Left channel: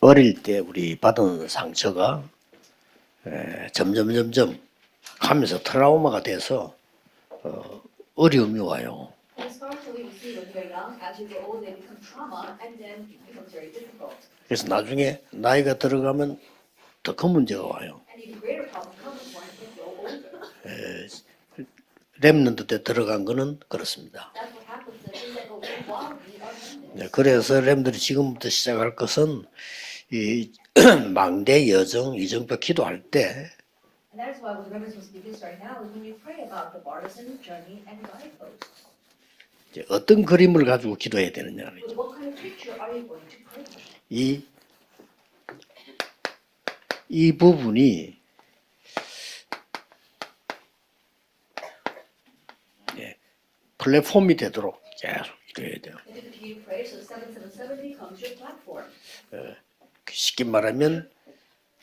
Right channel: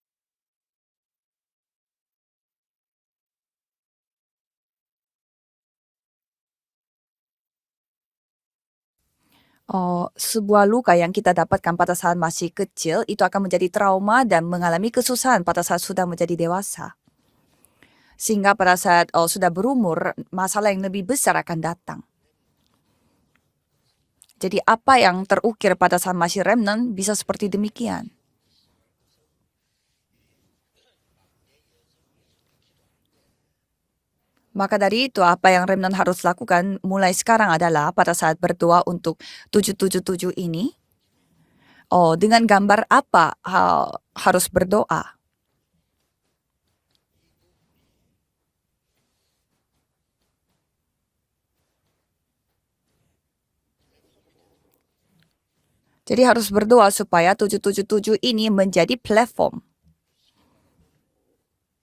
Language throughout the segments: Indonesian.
어릴 때 우리 받은 상처가 점점 가면서 트라우마가 돼서 어려움이 와요. Sebuah luka yang kita dapatkan pada saat masih kecil itu akan menjadi trauma dan 그래서 mengalami 나중에 kesusahan pada 나이가 saat sudah menjadi 들어가면 dewasa. 더 큰 문제가 와요. Sehingga pada saat sudah berumur, masalah yang lebih besar akan datang. 랩런트 때 들어간 거는 그렇습니다. Jadi apa yang terukir pada saat masih remnant bisa seperti 그래서 랩런트 demikian. 지금부터 시작할 것은 이 망대 여정 이정표 기도할 때 Maka dari itu apa yang remnant harus lakukan mulai sekarang adalah pada saat berdoa untuk 어떤 777 그림을 ini, 가지고 기도해야 되느냐. dengan gambar apa 이- harus berdoa. 이 부분이 플랫폼이 되도록 계속 기도해야 돼요. Jadi harus berdoa supaya 777 ini menjadi platform. 쉽게 말하면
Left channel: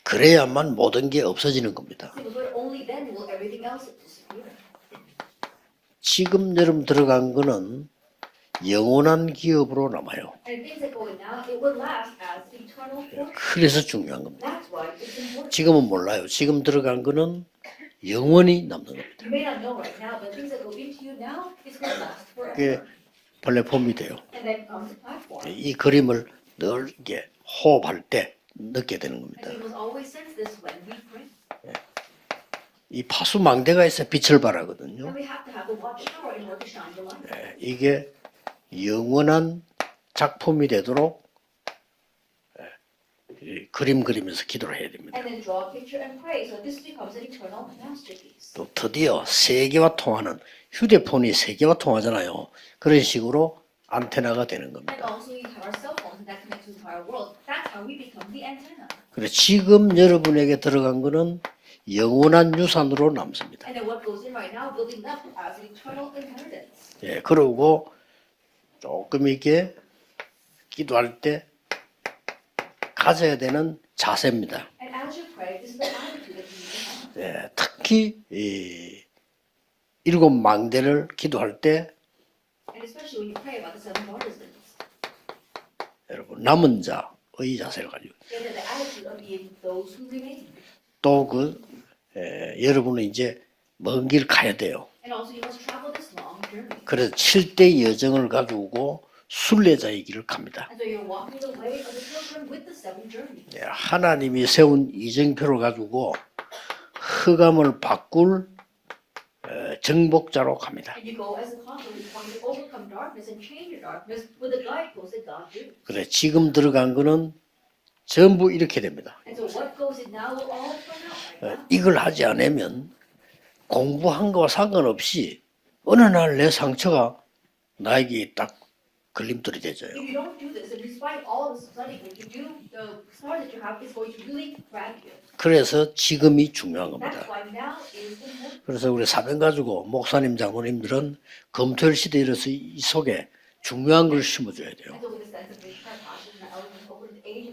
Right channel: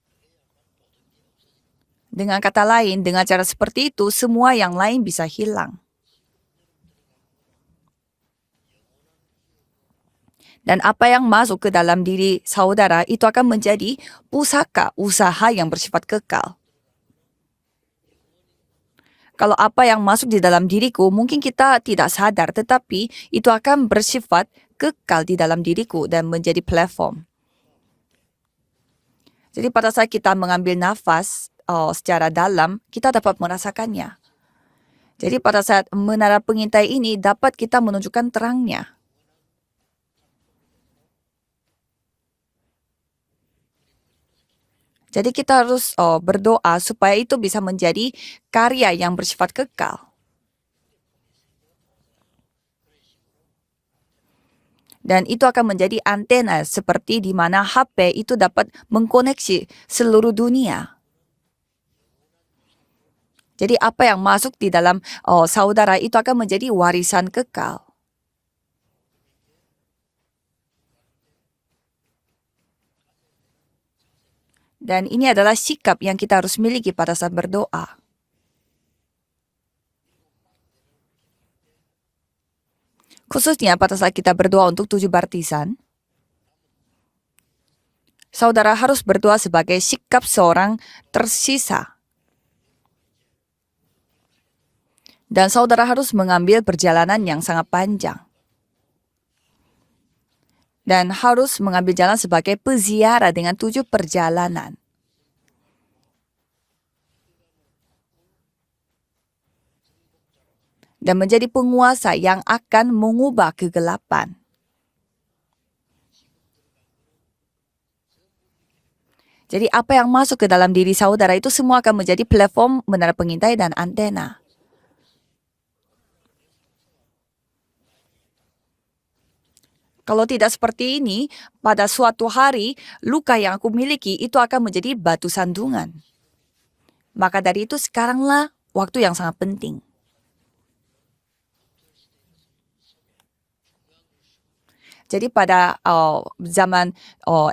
그래야만 모든 게 없어지는 겁니다. Dengan kata lain, dengan cara seperti itu semua yang lain bisa hilang. 지금 여러분 들어간 거는 영원한 기업으로 남아요. Dan apa yang masuk ke dalam diri saudara itu akan menjadi pusaka, usaha yang 지금은 bersifat 몰라요. kekal. 지금 들어간 거는 영원히 남는 겁니다. Kalau apa yang masuk di dalam diriku mungkin kita tidak sadar, tetapi itu akan bersifat kekal di dalam 이 diriku 그림을 dan menjadi platform. 넓게 호흡할 때 느끼게 되는 겁니다. Jadi pada saat kita mengambil nafas secara dalam, 이 kita dapat 파수망대가 있어 merasakannya. 빛을 발하거든요. Jadi pada saat menara pengintai ini dapat kita 이게 menunjukkan terangnya. 영원한 작품이 되도록 그림 그리면서 기도를 해야 됩니다. Jadi kita harus berdoa supaya itu bisa menjadi karya yang 드디어 bersifat 세계와 kekal. 통하는 휴대폰이 세계와 통하잖아요. 그런 식으로 안테나가 되는 겁니다. Dan itu akan menjadi antena seperti di mana HP itu dapat mengkoneksi 지금 seluruh 여러분에게 dunia. 들어간 거는 영원한 유산으로 남습니다. Jadi apa yang masuk di dalam saudara itu akan menjadi warisan kekal. 그리고 조금 이렇게 기도할 때 가져야 되는 자세입니다. Dan ini adalah sikap yang kita harus miliki pada saat berdoa. 특히 이 일곱 망대를 기도할 때 Khususnya pada saat kita berdoa untuk 7 baptisan, 여러분 남은 자의 자세를 가지고 saudara harus berdoa sebagai sikap seorang 또 tersisa. 여러분은 이제 먼 길 가야 돼요. Dan saudara harus mengambil perjalanan yang sangat 7대 panjang. 여정을 가지고 순례자의 길을 갑니다. Dan harus mengambil jalan sebagai peziarah dengan 7 하나님이 perjalanan. 세운 이정표를 가지고 흑암을 바꿀 정복자로 갑니다. Dan menjadi penguasa yang akan mengubah kegelapan. 그래 지금 들어간 거는 전부 이렇게 됩니다. Jadi apa yang masuk ke dalam diri saudara itu semua akan menjadi platform menara pengintai dan 공부한 antena. 거와 상관없이 어느 날 내 상처가 나에게 딱 걸림돌이 되져요. Kalau tidak seperti ini, pada suatu hari luka yang aku miliki itu akan menjadi batu 그래서 sandungan. 지금이 중요한 겁니다. Maka dari itu sekaranglah 그래서 waktu 우리 yang sangat 사명 penting. 가지고 목사님 장로님들은 검토일 시대에 이르러서 이 속에 중요한 걸 심어줘야 돼요. Jadi pada zaman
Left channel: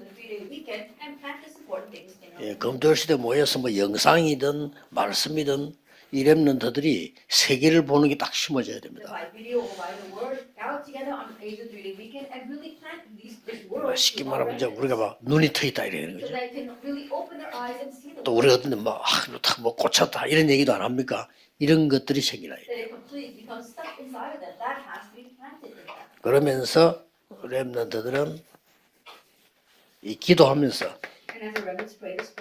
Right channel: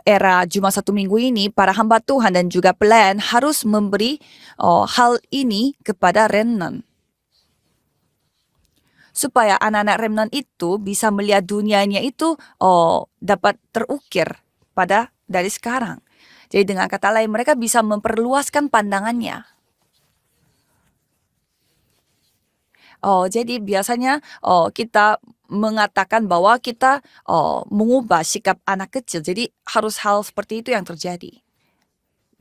era Jumat Satu Minggu ini, para hamba Tuhan dan juga pelayan harus memberi hal ini kepada remnant. 렘넌트들이 세계를 보는 게 딱 심어져야 됩니다. Supaya anak-anak remnant itu bisa melihat dunianya itu dapat terukir pada dari sekarang. Jadi dengan kata lain mereka bisa memperluaskan pandangannya. 뭐 꽂혔다 이런 얘기도 안 합니까? 이런 것들이 생기나요. Jadi biasanya kita mengatakan bahwa kita mengubah sikap anak kecil. Jadi harus hal seperti itu yang terjadi.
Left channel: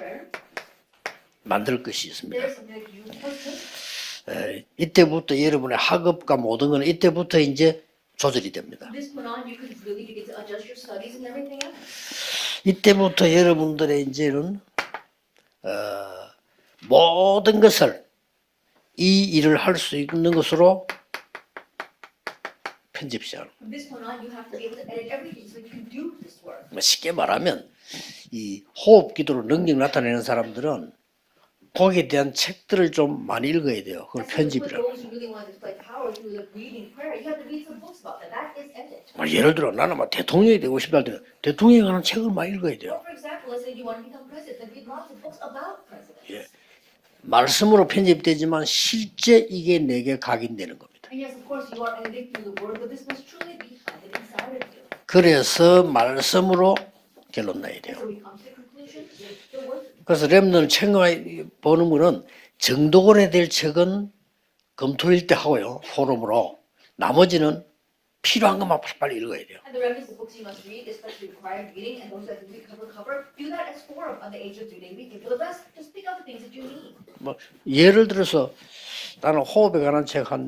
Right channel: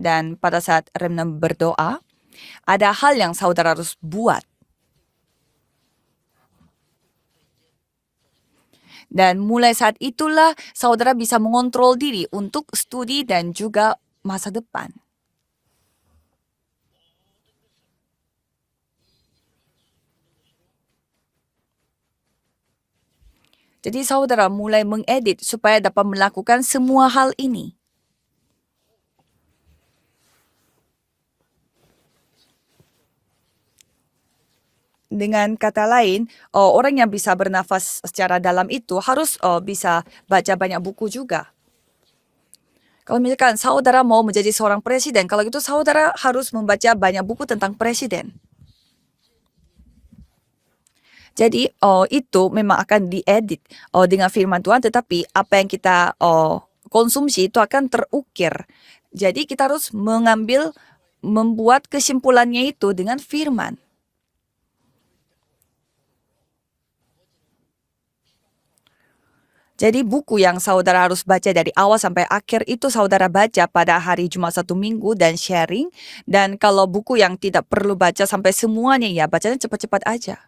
Dan pada saat remnant 만들 berdoa, 것이 있습니다. ada hal yang saudara harus buat. 이때부터 여러분의 학업과 모든 거는 이때부터 이제 조절이 됩니다. Dan mulai saat itulah saudara bisa mengontrol diri untuk studi 이때부터 dan juga 여러분들의 이제는 masa depan. 모든 것을 이 일을 할 수 있는 것으로 편집 시작. Jadi saudara mulai mengedit supaya dapat melakukan semua 쉽게 hal 말하면 ini. 이 호흡 기도로 능력 나타내는 사람들은 거기에 대한 책들을 좀 많이 읽어야 돼요. 그걸 편집이라고. Dengan kata lain, orang yang bisa bernafas secara dalam itu harus 예를 들어 bisa 나는 baca 대통령이 banyak 되고 buku 싶다. juga. 대통령에 관한 책을 많이 읽어야 돼요. Kalau misalkan saudara mau menjadi seorang presiden, kalau gitu saudara harus membaca banyak buku tentang 말씀으로 presiden. 편집되지만 실제 이게 내게 각인되는 겁니다. Jadi itu memang akan diedit dengan firman Tuhan, tetapi apa yang 그래서 kita 말씀으로 konsumsi itu 들어가야 akan 돼요. terukir. Jadi kita harus 그래서 mengambil, 렘넌 책을 membuat 보는 거는 kesimpulannya itu dengan 정도권에 대해 firman. 책은 검토일 때 하고요. 포럼으로. 나머지는 필요한 것만 빨리 읽어야 돼요. Jadi buku yang saudara harus baca dari awal sampai akhir itu saudara baca pada hari Jumat 1 minggu dan sharing. Dan kalau buku yang tidak perlu 예를 baca 들어서 sampai semuanya ya 나는 bacanya 호흡에 cepat-cepat 관한 aja. 책한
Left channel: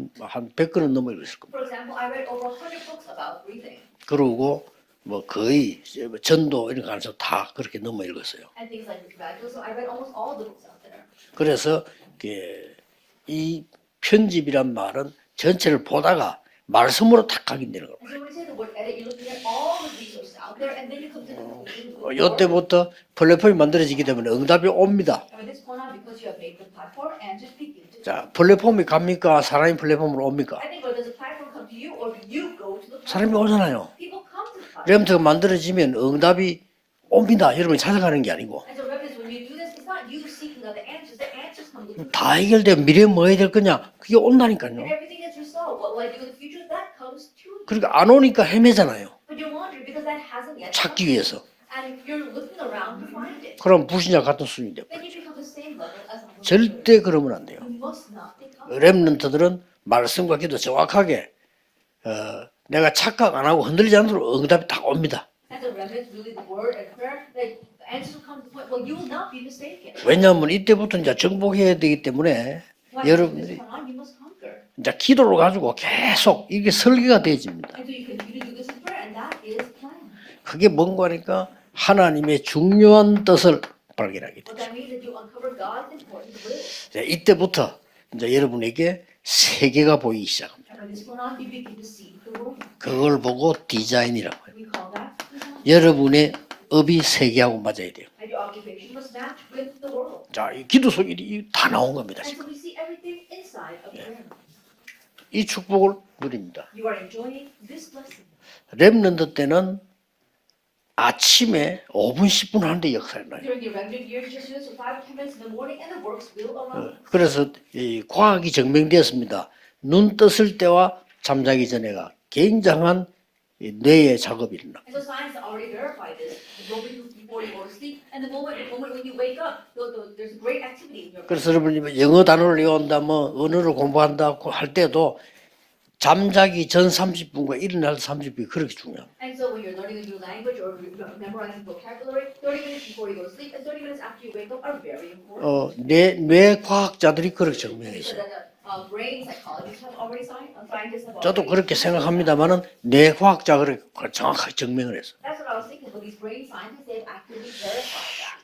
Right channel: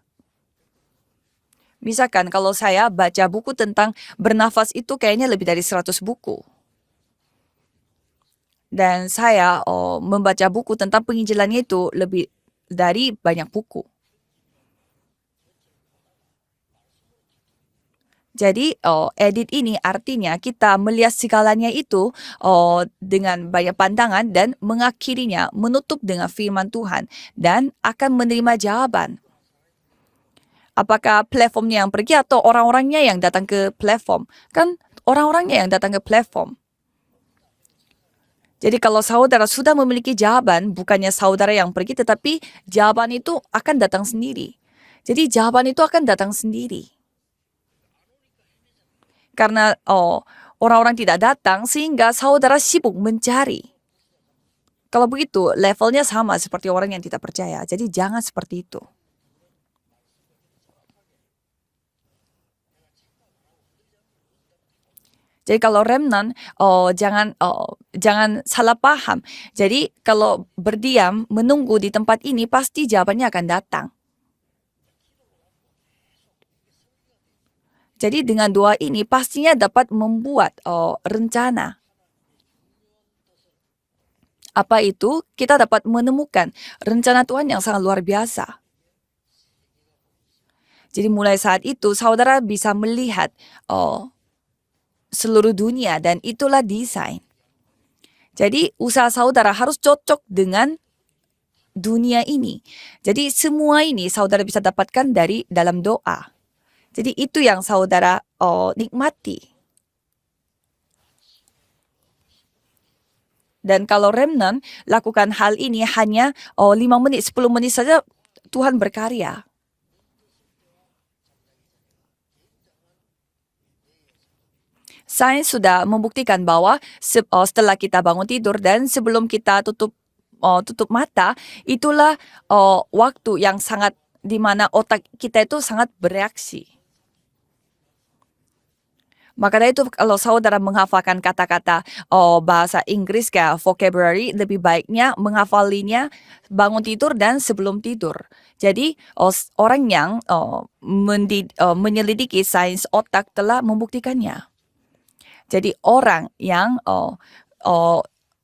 100권은 넘어 읽었을 겁니다. Misalkan kalau saya baca buku tentang 그리고 bernafas itu kayaknya lebih dari 거의 100 buku. 전도 이런 거 안에서 다 그렇게 넘어 읽었어요. Dan saya membaca buku tentang penginjilannya itu 그래서 lebih 예, dari banyak 이 buku. 편집이란 말은 전체를 보다가 말씀으로 탁 각인되는 겁니다. Jadi edit ini artinya kita melihat segalanya itu 이때부터 dengan 플랫폼이 banyak 만들어지기 pandangan 때문에 dan 응답이 옵니다. mengakhirinya menutup dengan firman Tuhan dan akan 자, menerima 플랫폼이 jawaban. 갑니까? 사람이 플랫폼으로 옵니까? Apakah platformnya yang pergi atau orang-orangnya yang 사람이 datang ke 오잖아요. platform? Kan 렘터 orang-orangnya yang datang 만들어지면 ke platform. 응답이 옵니다. 여러분이 찾아가는 게 아니고 Jadi kalau saudara sudah memiliki jawaban, bukannya saudara yang pergi, 다 tetapi 해결되면 미래에 jawaban 뭐 해야 itu 될 akan 거냐? datang 이게 sendiri. 온다니까요. Jadi jawaban itu akan datang sendiri. 그러니까 안 오니까 헤매잖아요. Karena orang-orang 찾기 tidak 위해서. datang sehingga saudara sibuk mencari. 그럼 불신자 같은 수준인데 Kalau begitu, levelnya sama seperti orang 절대 yang tidak 그러면 안 percaya. Jadi jangan seperti itu. 렘넌트들은 말씀과 기도 정확하게 내가 착각 안 하고 흔들리지 않도록 응답이 딱 옵니다. Jadi kalau remnant, jangan salah paham. Jadi kalau 왜냐하면 이때부터 berdiam, 이제 정복해야 menunggu di 되기 tempat 때문에 ini, pasti jawabannya 여러분- akan datang. 이제 기도를 가지고 계속 이게 설계가 되어집니다. Jadi dengan doa ini pastinya dapat membuat 그게 뭔가 rencana. 하나님의 중요한 뜻을 발견하게 돼요. Apa itu? Kita dapat menemukan rencana Tuhan yang sangat luar 이제 biasa. 여러분에게 세계가 보이기 시작합니다. Jadi mulai saat itu saudara bisa 그걸 melihat 보고 디자인이라고 해요. seluruh dunia dan 여러분의 itulah 업이 desain. 세계하고 맞아야 돼요. Jadi usaha saudara harus cocok dengan 기도 속이 다 나온 dunia 겁니다. ini. Jadi semua ini saudara bisa dapatkan dari 이 dalam 축복을 doa. 누립니다. Jadi itu yang saudara 렘넌트 nikmati. 때는 아침에 5분 10분 하는데 역사를 나요. Dan kalau remnant lakukan hal ini hanya 5 menit, 그래서 10 menit saja 이 과학이 Tuhan berkarya. 증명되었습니다. 눈 떴을 때와 잠자기 전에가 굉장한 이 뇌의 작업이 일어나. Sains sudah membuktikan bahwa setelah kita bangun tidur dan sebelum kita tutup mata, 그래서 여러분이 itulah 영어 단어를 외운다, waktu 뭐 yang 언어를 sangat 공부한다고 di mana 할 때도 otak kita itu sangat bereaksi. 잠자기 전 30분과 일어날 30분이 그렇게 중요합니다. Maka dari itu kalau saudara menghafalkan kata-kata bahasa Inggris kayak vocabulary, lebih baiknya menghafalinya 뇌 bangun tidur 과학자들이 dan 그렇게 sebelum 증명했어요. tidur. Jadi orang yang 저도 그렇게 menyelidiki 생각합니다만 sains 뇌 otak telah 과학자를 membuktikannya. 정확하게 증명을 했어. Jadi orang yang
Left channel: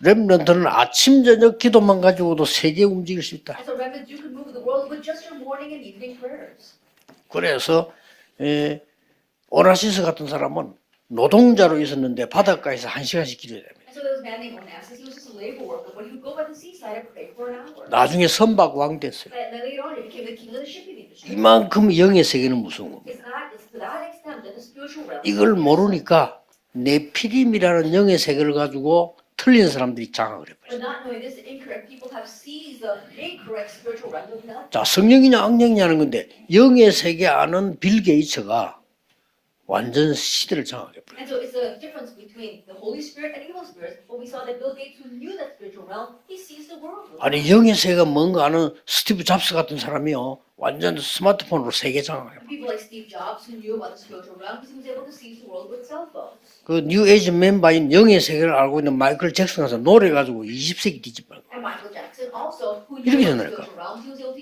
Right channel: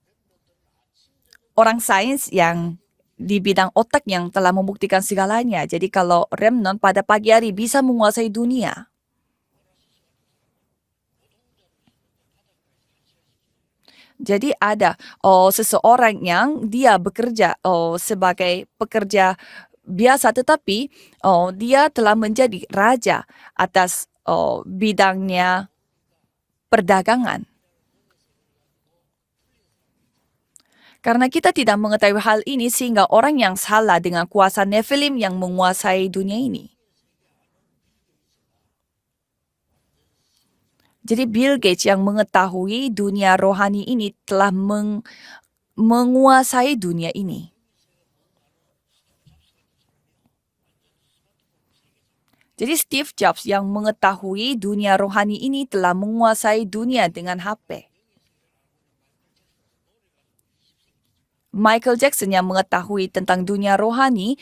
렘넌트는 아침 저녁 orang 기도만 sains 가지고도 yang 세계 움직일 수 di 있다. bidang otak yang telah membuktikan segalanya. Jadi kalau remnant pada pagi hari 그래서, bisa menguasai dunia. 오나시스 같은 사람은 노동자로 있었는데 바닷가에서 1시간씩 기도해야 됩니다. Jadi ada seseorang yang dia bekerja 나중에 sebagai 선박 왕 pekerja biasa, tetapi 이만큼 dia telah 영의 menjadi 세계는 무서워. raja atas 이걸 bidangnya. 모르니까 perdagangan. 네피림이라는 영의 세계를 가지고 틀린 사람들이 장악을 해버려요. Karena kita tidak mengetahui hal ini sehingga orang yang salah dengan kuasa 자, Nephilim yang 성령이냐 악령이냐는 menguasai 건데 dunia ini. 영의 세계 아는 빌 게이츠가 완전 시대를 장악해. Jadi Bill Gates yang mengetahui dunia rohani ini telah menguasai dunia ini. 아니 영의 세계가 뭔가 아는 스티브 잡스 같은 사람이요 완전 스마트폰으로 세계 장악해. Jadi Steve Jobs yang mengetahui dunia rohani ini telah menguasai 그 dunia 뉴에이지 dengan 멤버인 영의 세계를 알고 있는 마이클 잭슨 가서 노래 가지고 20세기 뒤집어. Michael Jackson yang mengetahui Ini tentang gimana? dunia rohani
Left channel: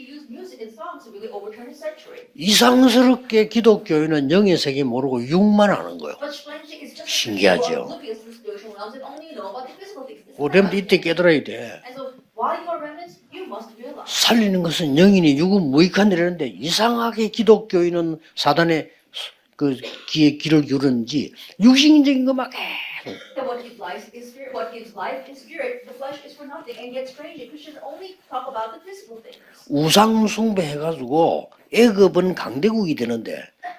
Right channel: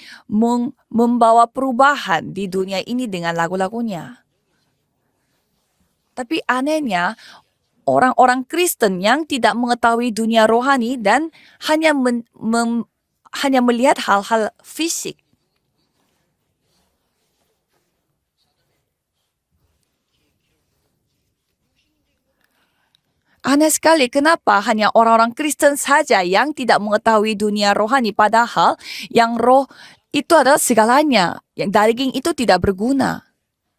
membawa perubahan di dunia ini dengan 이상스럽게 lagu-lagunya. 기독교인은 영의 세계 모르고 육만 아는 거예요. Tapi anehnya 신기하죠. orang-orang Kristen yang tidak mengetahui dunia 우리는 rohani 밑에 dan 깨달아야 돼. hanya melihat hal-hal 살리는 것은 fisik. 영인이 육은 무익한 일이라는데 이상하게 기독교인은 사단의 그 길을 기울는지 육신적인 것만 Aneh sekali, kenapa hanya orang-orang Kristen saja yang tidak mengetahui dunia rohani, padahal yang roh 우상 itu adalah segalanya. Yang daging itu tidak berguna.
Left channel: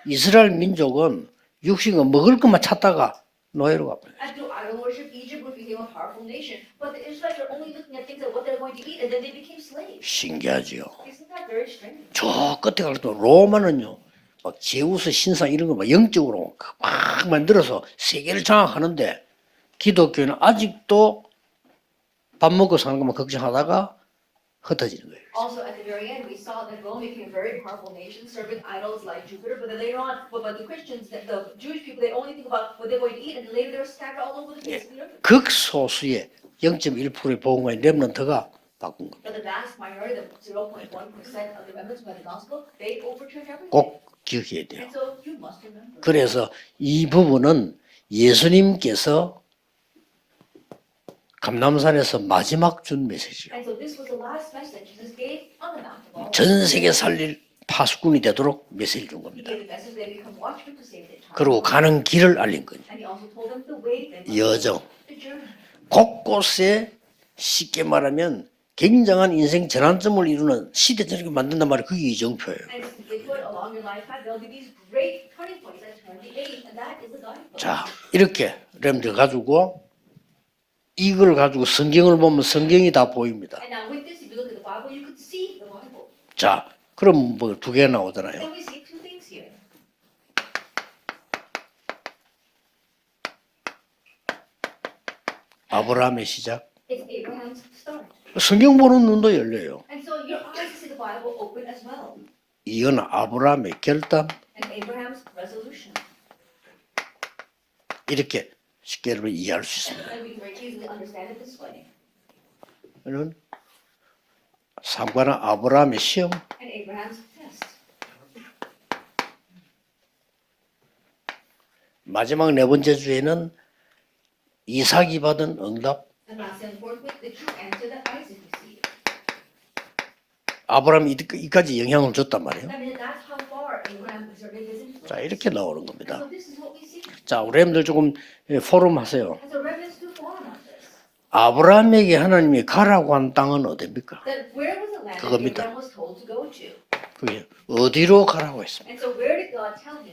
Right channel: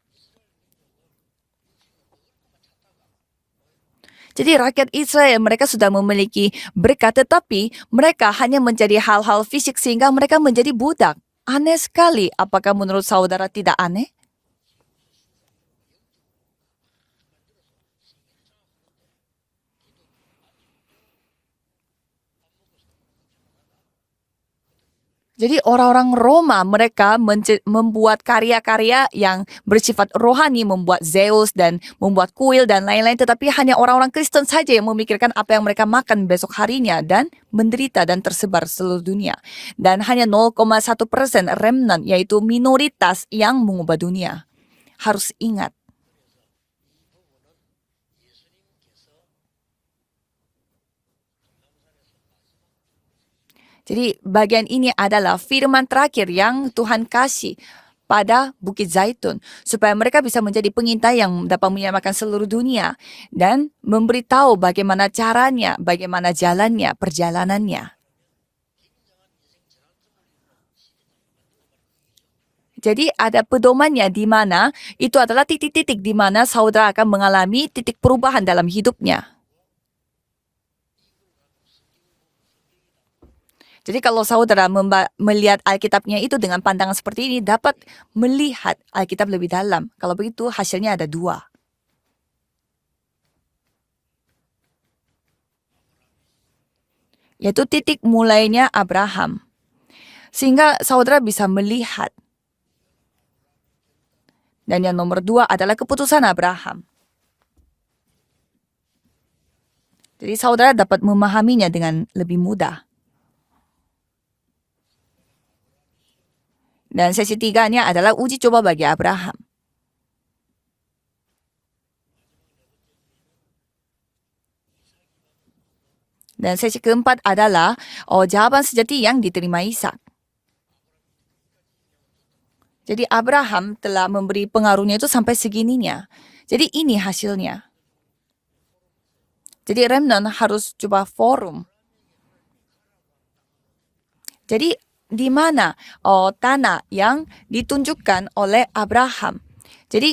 이스라엘 민족은 육신과 먹을 것만 찾다가 노예로 갑니다. Jadi rakyat Israel mereka sudah memiliki berkat, tetapi mereka hanya mencari hal-hal fisik sehingga mereka menjadi budak. aneh sekali. 저 Apakah 끝에 menurut 가서 saudara 로마는 tidak aneh? 막 제우스 신상 이런 거 막 영적으로 막 만들어서 세계를 장악하는데 기독교는 아직도 밥 먹고 사는 것만 걱정하다가 흩어지는 거예요. Jadi orang-orang Roma mereka membuat karya-karya yang bersifat rohani, membuat Zeus dan membuat kuil dan lain-lain. Tetapi hanya orang-orang Kristen saja yang memikirkan apa yang mereka makan besok harinya dan menderita dan tersebar seluruh dunia. Dan hanya 0,1% remnant yaitu minoritas yang mengubah dunia. 기억해야 돼요. Harus ingat. 그래서 이 부분은 예수님께서 감람산에서 마지막 준 메시지요. Jadi bagian ini adalah firman terakhir yang 전 세계 Tuhan 살릴 kasih 파수꾼이 pada 되도록 Bukit 메시지. Zaitun supaya mereka bisa menjadi pengintai yang 그리고 dapat 가는 menyelamatkan 길을 seluruh 알리고. dunia dan memberitahu 여정. bagaimana caranya, bagaimana 곳곳에 jalannya, 쉽게 perjalanannya. 말하면 굉장한 인생 전환점을 이루는 시대적인 만든단 말이에요. 그게 이정표예요. Jadi ada pedomannya di mana itu adalah titik-titik di mana saudara akan mengalami 자, titik perubahan 이렇게 dalam 렘들 hidupnya. 가지고 이걸 가지고 성경을 보면 성경이 다 보입니다. Jadi kalau saudara melihat Alkitabnya itu 자, dengan pandangan 그럼 seperti ini 뭐 dapat 두 개 나오잖아요. melihat Alkitab lebih dalam. Kalau begitu hasilnya ada 2. 아브라함의 시작. Yaitu titik mulainya 성경 보는 눈도 Abraham. 열려요. Sehingga saudara bisa melihat. 이건 아브라함의 결단. Dan yang nomor 2 adalah keputusan Abraham. 이렇게 쉽게 여러분 이해할 수 있습니다. Jadi saudara dapat memahaminya dengan lebih mudah. 저는 3과는 아브라함의 시험, Dan sesi 3-nya adalah uji coba bagi Abraham. 마지막 네 번째 주에는 이삭이 받은 응답. Dan sesi keempat adalah jawaban sejati yang diterima Ishak. 아브라함이 이까지 영향을 줬단 말이에요. Jadi Abraham telah memberi pengaruhnya itu sampai 이렇게 segininya. 나옵니다. Jadi ini 자, hasilnya. 여러분들 조금 포럼 하세요. Jadi remnant harus coba forum. 아브라함에게 하나님이 가라고 한 땅은 어디입니까? Jadi di mana tanah yang 어디로 ditunjukkan 가라고 oleh 했어요? Abraham. Jadi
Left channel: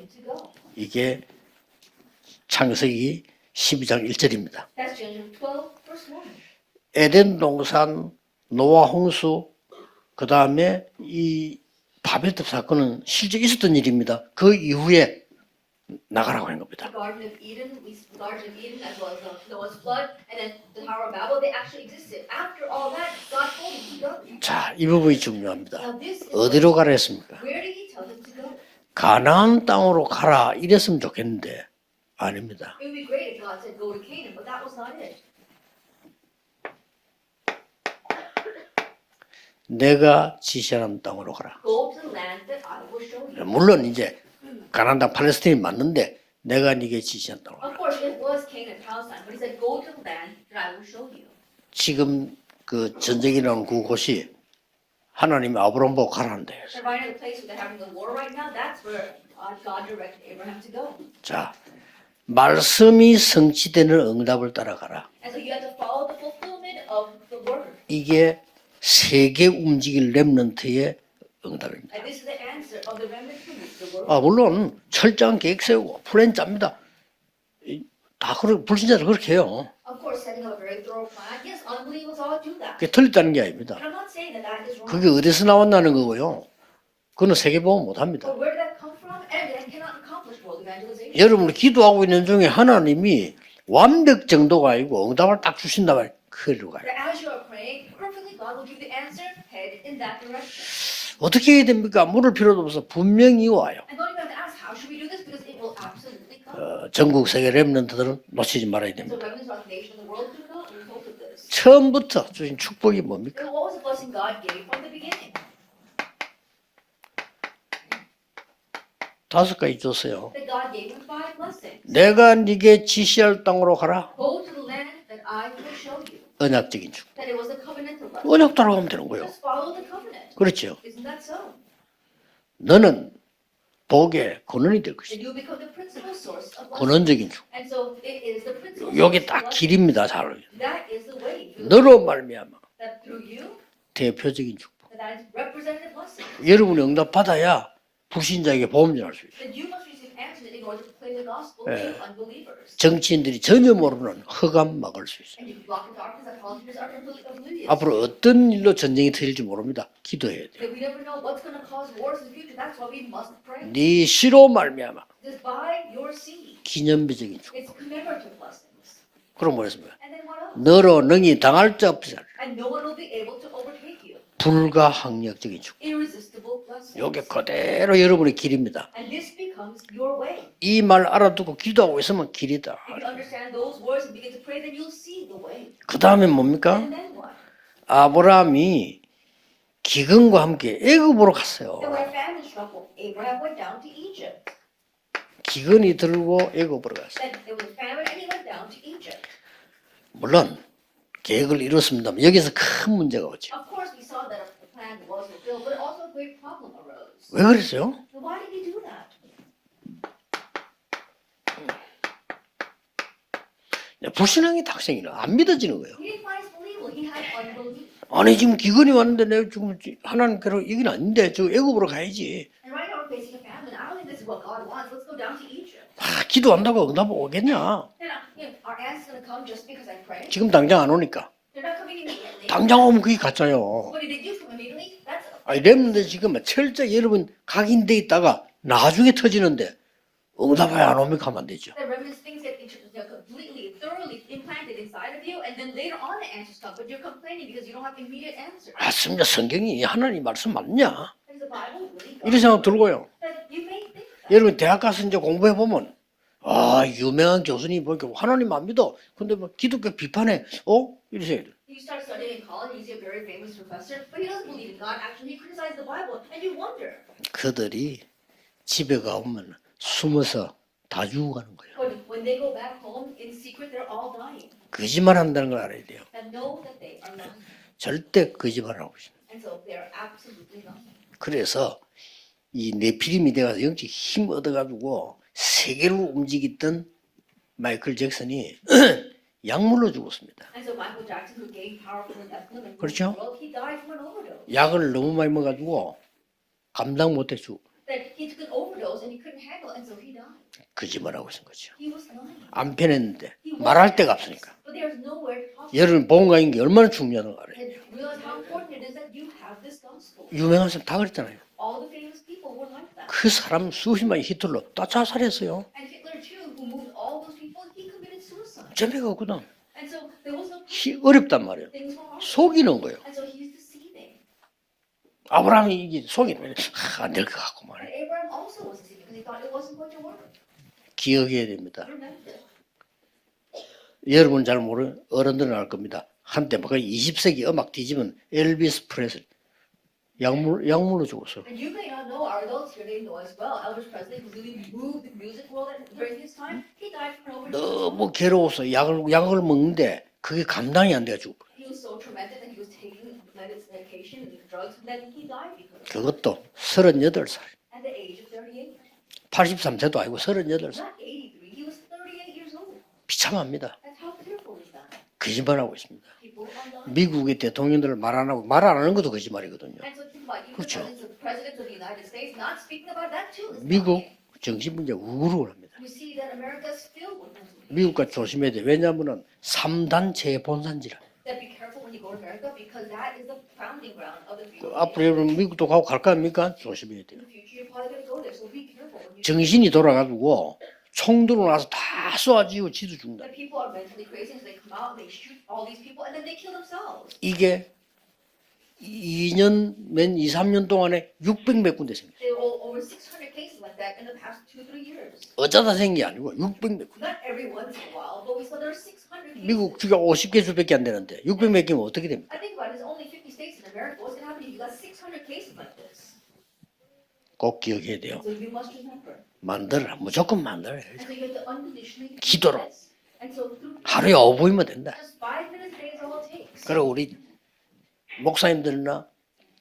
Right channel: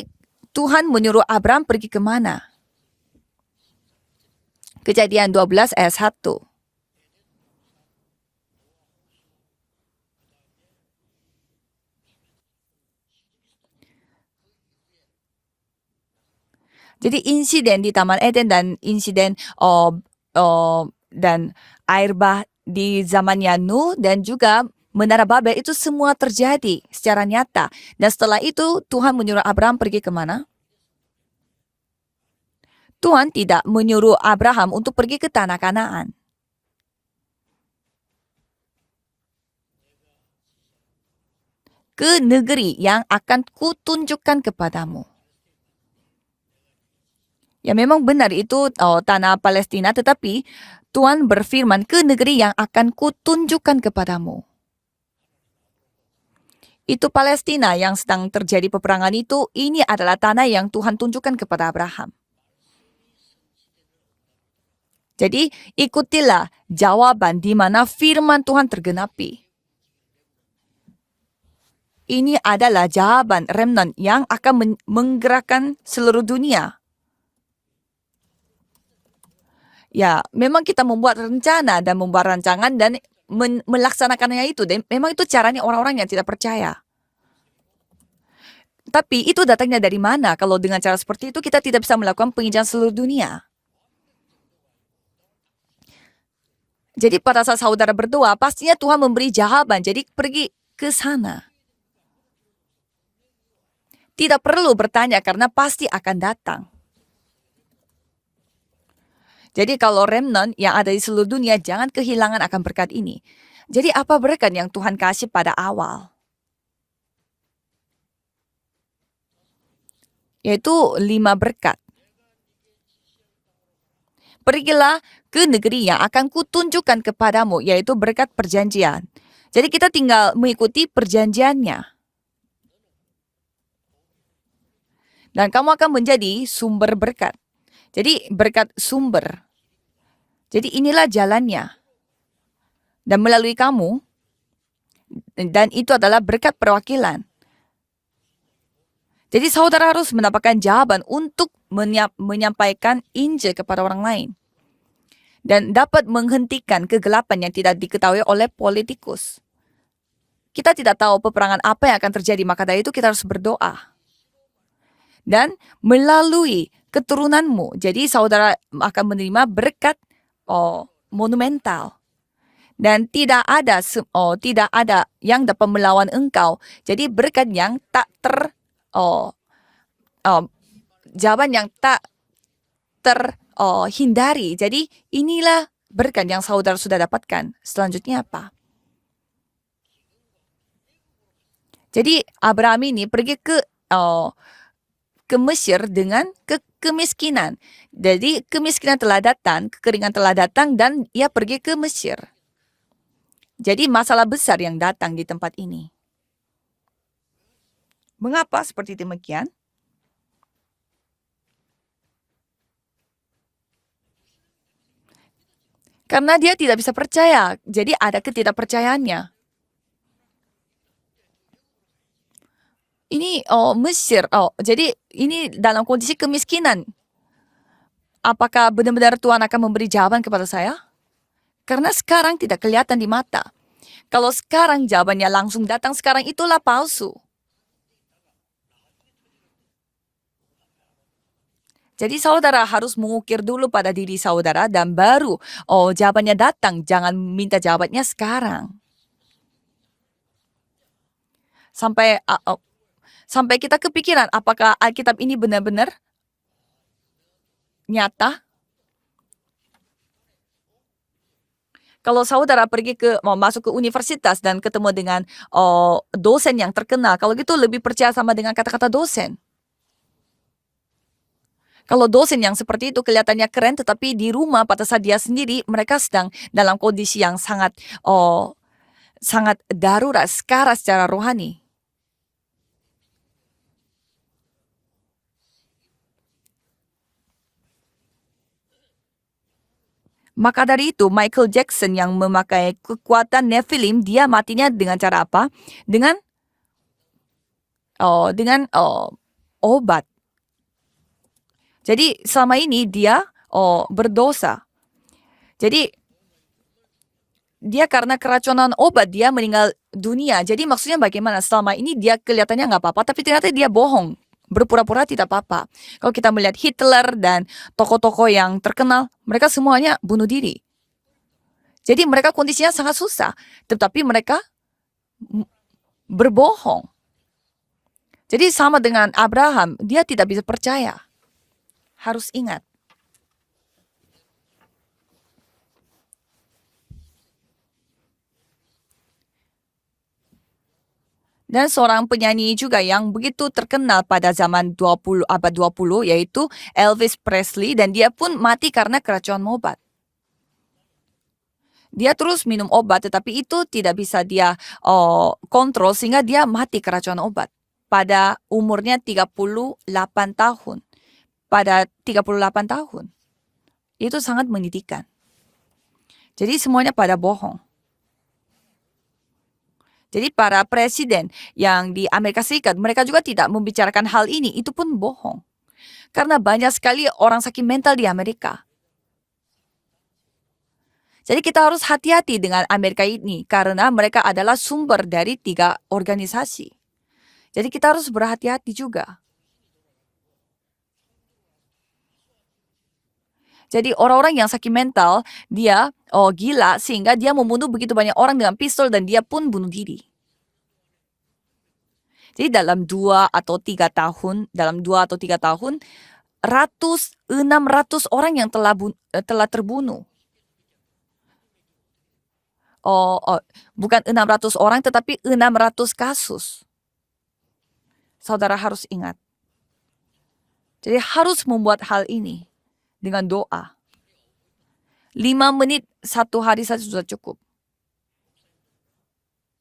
Tuhan 이게 menyuruh Abraham pergi kemana? 창세기 12장 1절입니다. Kejadian 12 ayat 1. 에덴 동산, 노아 홍수, 그 다음에 이 바벨탑 사건은 실제 있었던 일입니다. 그 이후에 나가라고 한 겁니다. Jadi insiden di Taman Eden dan insiden dan air bah di zamannya Nuh dan juga 자, 이 부분이 Menara Babel 중요합니다. itu semua terjadi 어디로 가라 secara nyata. Dan setelah itu Tuhan menyuruh 가나안 Abraham pergi 땅으로 kemana? 가라 이랬으면 좋겠는데 아닙니다. Tuhan tidak menyuruh Abraham untuk pergi ke tanah Kanaan. 내가 지시하는 땅으로 가라. Ke negeri yang akan 물론 이제 kutunjukkan kepadamu. 가나안 땅 팔레스틴이 맞는데 내가 네게 지시한 땅으로 가라. Ya memang benar itu tanah Palestina, tetapi Tuhan berfirman ke 지금 negeri yang akan 그 전쟁이라는 kutunjukkan 그곳이 kepadamu. 하나님이 아브라함 보고 가라는데. Itu Palestina yang sedang terjadi peperangan itu, ini adalah tanah yang Tuhan tunjukkan kepada Abraham. 말씀이 성취되는 응답을 따라가라. Jadi ikutilah jawaban di mana firman Tuhan tergenapi. 세계 움직일 렘넌트의 응답입니다. Ini adalah jawaban remnant yang 물론 akan 철저한 menggerakkan 계획 세우고 seluruh 플랜 dunia. 짭니다. 다 불신자들 그렇게 해요. Ya, memang kita membuat rencana dan membuat rancangan dan 틀렸다는 게 아닙니다. melaksanakannya itu. Dan 그게 memang itu 어디서 caranya 나온다는 orang-orang yang tidak 거고요. percaya. 그거는 세계보험 못합니다. Tapi itu datangnya dari mana? Kalau dengan cara seperti itu 여러분 kita tidak bisa 기도하고 있는 melakukan 중에 penelitian seluruh 하나님이 dunia. 완벽 정도가 아니고 응답을 딱 주신다 말 그리로 가요. Jadi pada saat saudara berdoa, pastinya Tuhan memberi jawaban. Jadi pergi ke sana. 어떻게 해야 됩니까? 물을 필요도 없어 분명히 와요. Tidak perlu bertanya karena pasti akan datang. 전국 세계 렘넌트들은 놓치지 말아야 됩니다. Jadi kalau remnant yang ada di seluruh dunia jangan 처음부터 kehilangan akan berkat 축복이 ini. 뭡니까? Jadi apa berkat yang Tuhan kasih pada awal? 5가지 줬어요. Yaitu 5 berkat. 내가 네게 지시할 땅으로 가라. Pergilah ke negeri yang akan kutunjukkan kepadamu, yaitu berkat 언약 perjanjian. 따라오는 거예요. Jadi kita tinggal mengikuti perjanjiannya. 너는 복의 근원이 될 것이다. Dan kamu akan menjadi sumber berkat. Jadi berkat 이게 sumber. 다 길입니다. 잘. Jadi inilah jalannya. 너로 말미암아 Dan melalui kamu, 대표적인 축복. dan itu adalah berkat 여러분 perwakilan. 응답 받아야 불신자에게 보험전할 수 있어요. Jadi saudara harus mendapatkan jawaban untuk menyampaikan 정치인들이 Injil 전혀 kepada orang 모르는 lain 허감 막을 수 있어요. dan dapat menghentikan kegelapan yang tidak 앞으로 diketahui 어떤 oleh 일로 전쟁이 politikus. 터질지 모릅니다. 기도해야 돼요. Kita tidak tahu peperangan apa yang akan terjadi, maka dari itu kita harus berdoa. 네 시로 말미암아 Dan melalui 기념들이 keturunanmu, jadi saudara akan menerima 그런 berkat 너로 능히 당할 자 monumental. 없으리. Dan tidak ada yang dapat melawan engkau. Jadi berkat yang 그대로 tak 여러분의 길입니다. 이 말 jawaban 알아두고 yang 기도하고 tak 있으면 길이다. terhindari. Jadi inilah 그다음에 berkat yang saudara 뭡니까? sudah dapatkan. Selanjutnya apa? 아브라함이 기근과 함께 애굽으로 갔어요. Jadi Abraham ini pergi ke Mesir 기근이 dengan 들고 애굽으로 kemiskinan. Jadi kemiskinan telah datang, kekeringan telah 물론 datang dan ia pergi 계획을 ke Mesir. 이뤘습니다. 여기서 큰 문제가 오죠. Jadi masalah besar yang datang di tempat ini. 왜 그랬어요? Mengapa seperti demikian? 불신앙의 학생이라 안 믿어지는 거예요. Karena dia tidak bisa percaya. Jadi ada 아니 지금 기근이 ketidakpercayaannya. 왔는데 내가 지금 하나님께로 여기는 아닌데 저 애굽으로 가야지. Ini Mesir. Jadi ini dalam kondisi 기도하면 kemiskinan. 응답 오겠냐? Apakah benar-benar Tuhan akan memberi jawaban kepada 지금 saya? 당장 안 오니까. Karena sekarang tidak 당장 kelihatan 오면 di 그게 mata. 가짜요. Kalau sekarang jawabannya langsung datang, sekarang itulah 철저히 palsu. 여러분 각인돼 있다가 나중에 터지는데 응답이 안 오면 가면 안 되죠. Jadi saudara harus mengukir dulu pada diri saudara dan baru jawabannya datang. Jangan minta jawabannya sekarang. 맞습니다. 성경이 하나님 말씀 맞냐? Sampai 이런 생각 들고요. kita kepikiran 여러분 apakah 대학 가서 Alkitab 이제 ini 공부해 benar-benar 아 유명한 교수님 보고 nyata? 하나님 안 믿어. 근데 뭐 기독교 비판해. 이러세요. Kalau saudara pergi mau masuk ke universitas dan ketemu dengan dosen yang terkenal, kalau gitu lebih percaya sama dengan kata-kata 집에 dosen. 가면 숨어서 다 주고 가는 거예요. Kalau dosen yang seperti itu kelihatannya keren, tetapi di rumah pada saat dia 거짓말한다는 sendiri 거 알아요. mereka sedang dalam kondisi yang sangat 절대 거짓말하고 있어요. sangat darurat, sekarat secara rohani. 그래서 이 네피림이 돼가지고 영적 힘 얻어가지고 세계를 움직였던 마이클 잭슨이 약물로 죽었습니다. Maka dari itu Michael Jackson yang memakai kekuatan Nephilim, dia matinya 약을 dengan cara 너무 apa? 많이 먹어가지고 Dengan 감당 못해 죽. obat. 거짓말하고 있는 거죠. Jadi selama ini Ampenan dia marah tegas. berdosa. Jadi 여러분 보험가인 게 얼마나 중요한 거 알아요? dia karena keracunan obat dia meninggal dunia. Jadi Memang maksudnya sekali, bagaimana? Selama ini dia kelihatannya nggak apa-apa, tapi 그 ternyata dia 사람 bohong, 수십만 히틀러 berpura-pura 다 tidak 자살했어요. apa-apa. Kalau kita melihat Hitler dan tokoh-tokoh yang terkenal, Jadi, mereka semuanya bunuh diri. 어렵단 말이에요. Jadi mereka kondisinya 속이는 sangat 거예요. susah, tetapi mereka 아브라함이 이게 berbohong. 안될 것 같고 말이에요. Jadi sama dengan Abraham, dia tidak bisa percaya. 기억해야 됩니다. Harus ingat. 여러분 잘 모르는 어른들은 알 겁니다. 한때 뭐 20세기 음악 뒤집은 엘비스 프레슬리 약물로 죽었어. Dan seorang penyanyi juga yang begitu terkenal pada zaman abad 20 yaitu Elvis Presley, dan dia pun mati karena keracunan obat. 먹는데 그게 감당이 안 돼가지고 Dia terus minum obat tetapi itu tidak bisa dia kontrol sehingga dia mati keracunan obat. Pada umurnya 38 tahun. Pada 38 tahun. 비참합니다. Itu sangat menyedihkan. 거짓말하고 있습니다. Jadi semuanya pada 미국의 bohong. 대통령들 말 안 하는 것도 거짓말이거든요. Jadi para presiden yang di Amerika Serikat, mereka juga tidak membicarakan hal ini. Itu pun bohong. 우울을 합니다. Karena banyak sekali orang sakit mental di 미국과 Amerika. 조심해야 돼. 왜냐하면 3단 재본산지라. Jadi kita harus hati-hati dengan Amerika ini karena mereka adalah sumber dari 3 organisasi. 조심해야 돼요. Jadi kita harus berhati-hati juga. 정신이 돌아가지고 총 들고 나서 다 쏘아지고 지도 죽는다. Jadi orang-orang yang sakit mental, dia gila sehingga dia 이게 membunuh begitu banyak orang dengan pistol dan dia pun bunuh diri. 2, 3년 동안에 600몇 군데 생겼어요. Jadi dalam 2 atau 3 tahun, 어쩌다 tahun, 생긴 게 아니고 600, 600 orang yang telah 미국 terbunuh. 주가 50개 수밖에 안 되는데 600몇 개면 어떻게 됩니까? Bukan 600 orang tetapi 600 kasus. 꼭 기억해야 돼요. Saudara harus ingat. 무조건 만들어요. Jadi harus membuat hal ini 기도로 dengan doa. 하루에 5분이면 된다. 5 menit satu hari saja Kalau sudah udah- cukup. 목사님들이나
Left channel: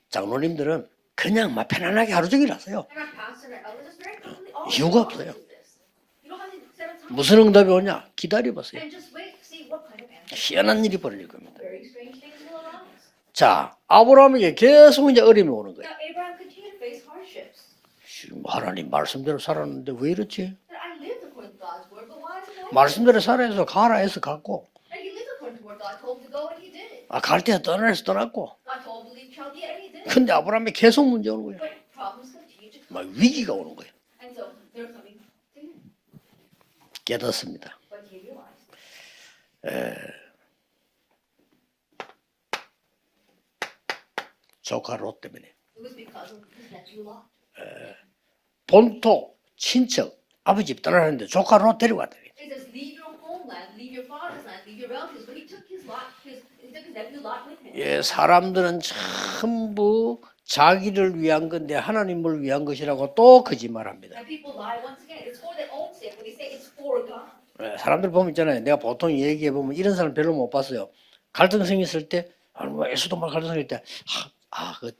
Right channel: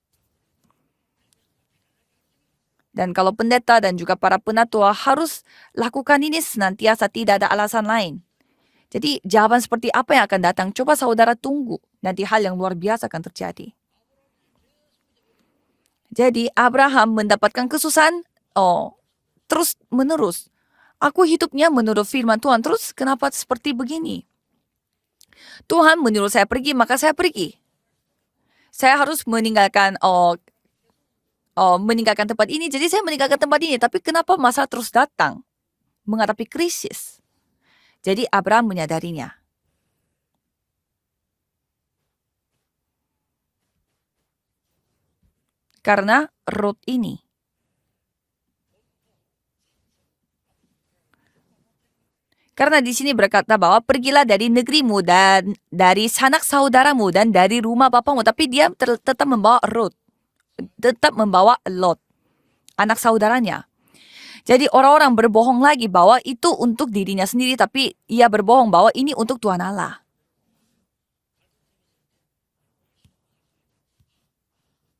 장로님들은 그냥 막 편안하게 하루 종일 하세요. Dan kalau pendeta dan juga para penatua Juga harus lakukan ini senantiasa, tidak 무슨 ada 응답이 alasan 오냐? lain. 기다려보세요. Jadi jawaban seperti apa yang akan datang? 희한한 Coba 일이 saudara tunggu. Nanti hal yang luar biasa akan terjadi. 자, 아브라함에게 계속 이제 어려움이 오는 거예요. Jadi Abraham mendapatkan kesusahan 하나님 말씀대로 terus 살았는데 왜 menerus. 이렇지? Aku hidupnya menurut firman Tuhan. Terus 말씀대로 kenapa 살아서 seperti 가라 begini? 해서 갔고 Tuhan menyuruh saya pergi, maka saya 갈 pergi. 때 떠날 수 떠났고 Saya harus meninggalkan 근데 아브라함이 계속 문제 오는 거예요. meninggalkan tempat ini. Jadi saya meninggalkan tempat ini. Tapi kenapa masalah terus datang? Menghadapi krisis. 깨닫습니다. Jadi Abraham menyadarinya. 조카 롯 때문에 Karena Rut ini. 본토 친척 아버지 집 떠나는데 조카 롯 데려갔다. Karena di sini berkata bahwa pergilah dari negerimu dan dari sanak saudaramu dan dari rumah bapamu. Tapi dia tetap membawa Rut. tetap membawa Lot, anak saudaranya. Jadi orang-orang berbohong lagi bahwa itu untuk dirinya sendiri, tapi ia berbohong bahwa ini untuk Tuhan Allah. 이런 사람 별로 못 봤어요. 갈등성이 있을 때, 에스도말 갈등성일 때,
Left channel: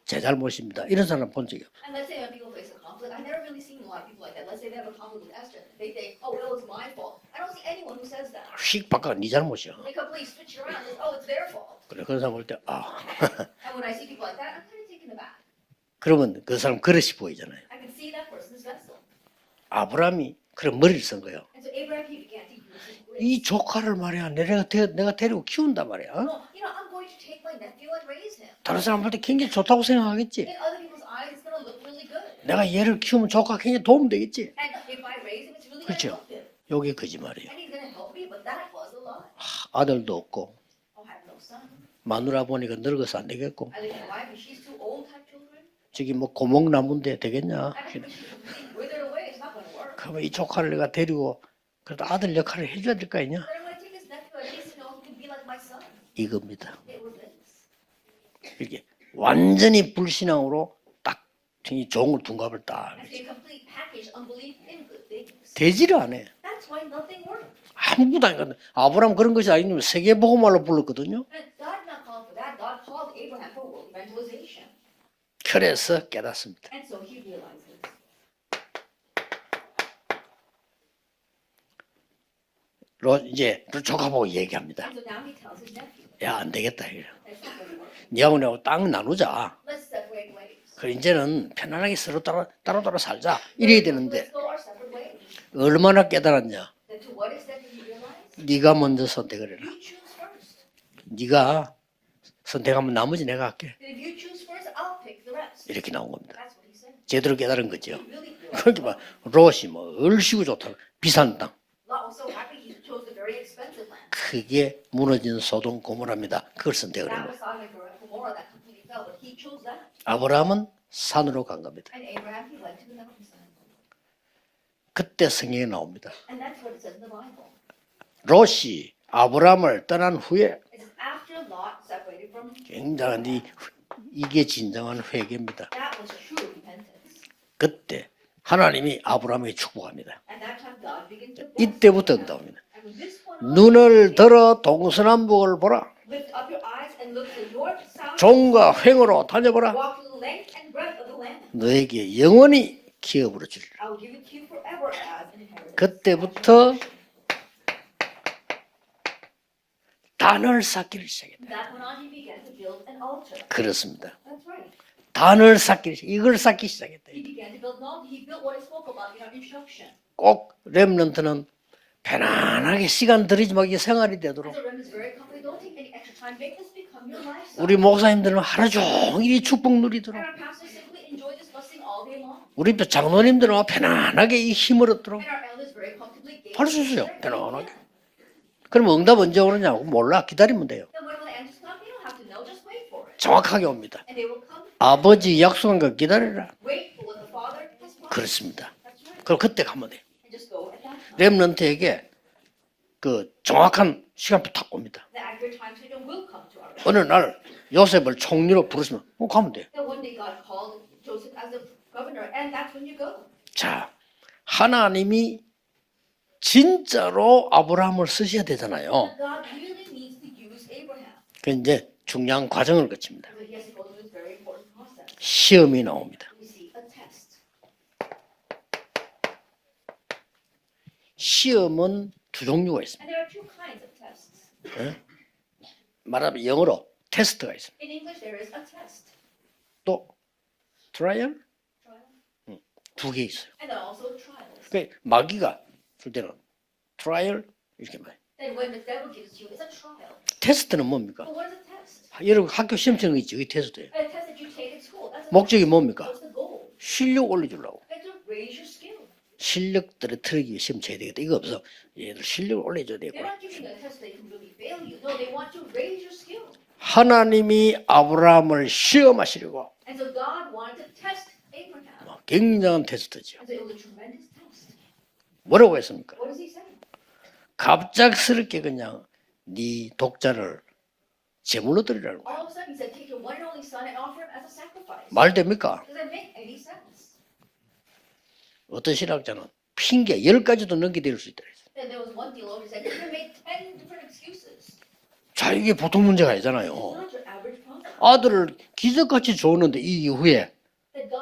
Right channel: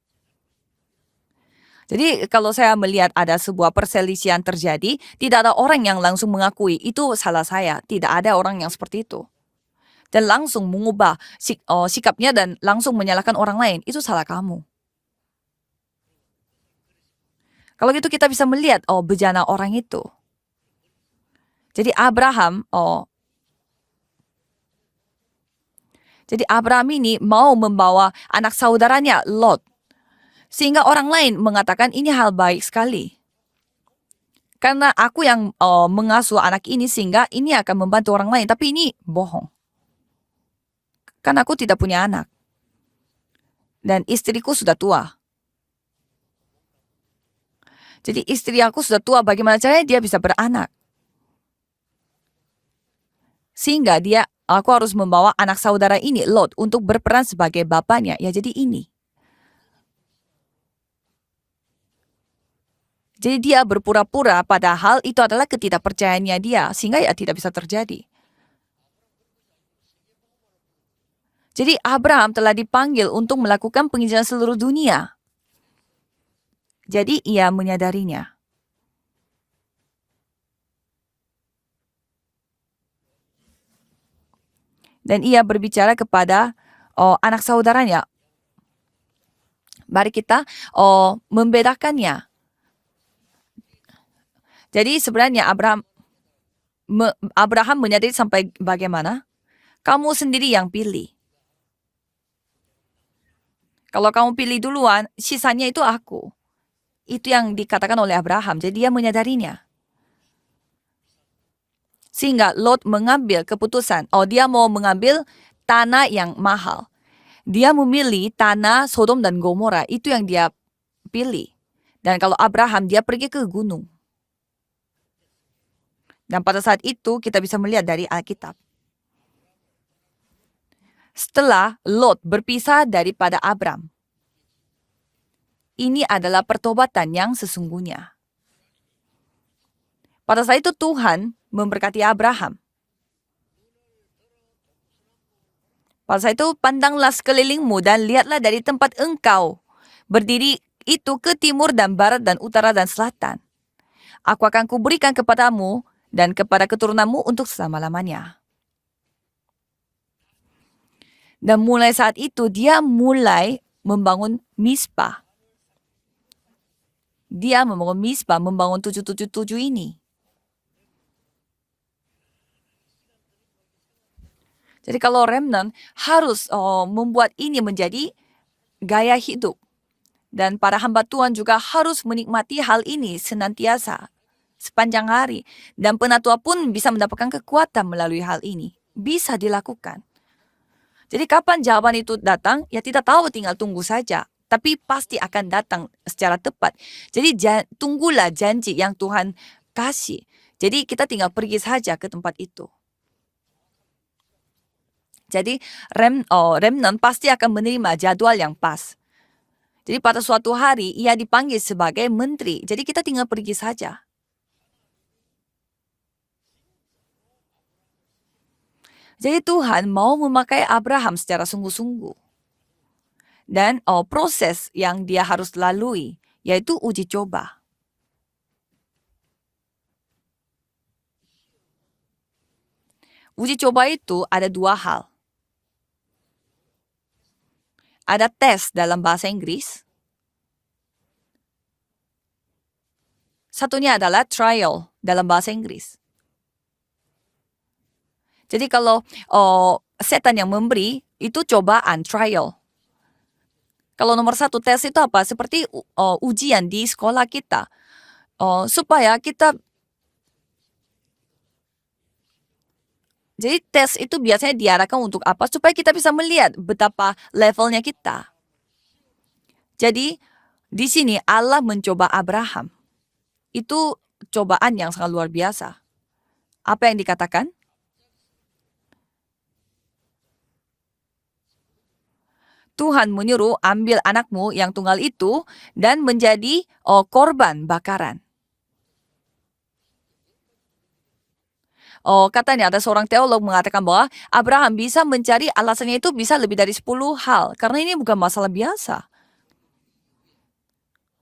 제 잘못입니다. 이런 사람 본 적이. Jadi kalau saya melihat ada sebuah perselisihan terjadi, tidak ada orang yang langsung mengakui itu salah saya. Tidak ada orang yang seperti itu. 네 잘못이야. Dan langsung mengubah sikapnya dan langsung menyalahkan orang lain. Itu salah kamu. 그러면 그 사람 그릇이 보이잖아요. Kalau gitu kita bisa melihat bejana orang itu. 아브라함이 그런 머리를 쓴 거예요. Jadi Abraham, 이 조카를 말이야, 내가 데리고 키운단 말이야. jadi Abraham ini mau membawa anak saudaranya Lot, 좋다고 생각하겠지. sehingga orang lain mengatakan ini hal baik 내가 얘를 sekali. 키우면 조카 굉장히 도움 되겠지. Karena aku yang mengasuh anak ini sehingga ini akan membantu orang lain. Tapi ini bohong. 아들도 없고, Karena aku tidak punya anak 마누라 보니까 늙어서 안 되겠고, dan istriku sudah tua. 저기 뭐 고목나무인데 되겠냐? Jadi istri aku sudah tua, bagaimana caranya dia bisa 이 조카를 beranak? 내가 데리고 그래도 아들 역할을 해줘야 될 거 아니냐? Sehingga aku harus membawa anak saudara ini Lot untuk berperan sebagai bapaknya. Ya jadi ini. 완전히 불신앙으로 딱 종을 둔갑을 딱. Jadi dia berpura-pura padahal itu adalah ketidakpercayaannya dia. Sehing가 ya tidak bisa terjadi. 아무도 안 갔네. 아브라함 그런 것이 아니면 세계복음화로 불렀거든요. Jadi Abraham telah dipanggil untuk melakukan penginjilan seluruh dunia. 그래서 깨닫습니다. Jadi ia menyadarinya. 이제 조카 보고 얘기합니다. Dan ia berbicara 야, kepada 안 되겠다. anak saudaranya. 니하고 내하고 땅 나누자. Mari kita 이제는 편안하게 membedakannya. 서로 따로 살자. 이래야 되는데 Jadi sebenarnya Abraham 얼마나 깨달았냐? menyadari sampai 네가 먼저 bagaimana? 선택을 해라. Kamu sendiri yang pilih. 네가 선택하면 나머지 내가 할게. Kalau kamu pilih duluan, sisanya itu aku. Itu yang dikatakan oleh Abraham. Jadi dia menyadarinya. 롯이 뭐 얼씨구 좋다. 비싼 땅. Sehingga Lot mengambil keputusan. Dia mau mengambil 무너진 소돔 tanah 고모라입니다. yang 그걸 mahal. 선택을 해요. Dia memilih tanah Sodom dan Gomora. Itu yang dia 아브라함은 산으로 pilih. 간 겁니다. Dan kalau Abraham, dia pergi ke gunung. 그때 성경에 나옵니다. Dan pada saat itu kita bisa melihat dari Alkitab. 롯이 아브라함을 떠난 후에 Setelah Lot berpisah daripada Abram, 이게 진정한 회개입니다. ini adalah pertobatan yang sesungguhnya. 하나님이 아브라함에게 축복합니다. Pada saat itu Tuhan memberkati Abraham. 눈을 들어 동서남북을 보라. Pada saat itu pandanglah sekelilingmu dan lihatlah dari 종과 tempat 횡으로 engkau 달려보라. berdiri itu ke timur dan 너에게 barat dan 영원히 utara dan selatan. 기업으로 주리라. Aku akan kuberikan kepadamu 그때부터 dan kepada keturunanmu untuk selama-lamanya. 단을 쌓기를 시작했다. Dan mulai saat itu dia mulai 그렇습니다. membangun Mispa. 단을 이걸 쌓기 시작했다. Dia membangun Mispa, membangun 777 ini. 꼭 렘넌트는 편안하게 시간 들이지 말고 생활이 되도록. Jadi kalau remnant harus membuat ini 우리 menjadi 목사님들은 하루 gaya 종일 이 hidup. 축복 누리도록. Dan para hamba Tuhan juga harus menikmati hal 우리도 ini 장로님들은 senantiasa 편안하게 이 힘으로 panjang hari. Dan penatua pun harus bisa bisa. mendapatkan kekuatan melalui hal ini. 그럼 응답 Bisa 언제 오느냐고 dilakukan. 몰라 기다리면 돼요. Jadi kapan jawaban itu datang? Ya tidak tahu, tinggal 정확하게 tunggu 옵니다. saja. Tapi pasti 아버지 akan 약속한 datang 거 기다리라. secara tepat. Jadi tunggulah 그렇습니다. janji yang Tuhan 그럼 그때 가면 kasih. Jadi kita tinggal pergi remnant에게 saja ke tempat itu. 그 정확한 시간표 딱 옵니다. Jadi remnant 어느 pasti 날 akan menerima 요셉을 jadwal yang 총리로 pas. 부르시면 가면 돼. Jadi pada suatu hari ia dipanggil sebagai menteri. Jadi kita tinggal pergi saja. 하나님이 진짜로 아브라함을 쓰셔야 되잖아요. Jadi Tuhan mau memakai Abraham secara 이제 sungguh-sungguh. 중요한 과정을 거칩니다. dan proses yang dia harus 시험이 lalui, 나옵니다. yaitu uji coba. 시험은 두 종류가 있습니다. Uji coba itu ada dua hal. 말하면 영어로 테스트가 있습니다. Ada tes dalam bahasa Inggris, 또 트라이얼 두 개 있어요. satunya adalah trial dalam bahasa 마귀가 Inggris. 줄 때는 트라이얼 이렇게 말해요. Jadi kalau setan yang Test는 memberi 뭡니까? itu cobaan, 여러분 trial. 학교 시험처럼 있지, 이 테스트예요. Kalau nomor satu tes itu apa? Seperti 목적이 뭡니까? ujian di sekolah 실력 kita. 올리려고. Supaya kita, 실력 떨어뜨리기 위해 시험 쳐야 되겠다. 이거 없어. 얘들 실력을 올려줘야 되겠구나. jadi tes itu biasanya diarahkan untuk apa? Supaya kita bisa melihat betapa levelnya 하나님이 kita. 아브라함을 시험하시려고 Jadi di sini Allah mencoba Abraham. 굉장한 테스트죠. Itu cobaan yang sangat luar biasa. 뭐라고 했습니까? Apa yang dikatakan? 갑작스럽게 그냥 네 독자를 제물로 드리라는 거야. Tuhan menyuruh ambil anakmu yang tunggal itu 말 됩니까? dan menjadi korban bakaran. 어떤 신학자는 핑계 10가지도 넘게 될 수 있다. Katanya ada seorang teolog mengatakan bahwa Abraham bisa mencari 자, 이게 alasannya 보통 itu bisa 문제가 lebih dari 아니잖아요. 10 hal. Karena ini bukan masalah 아들을 biasa. 기적같이 줬는데 이 이후에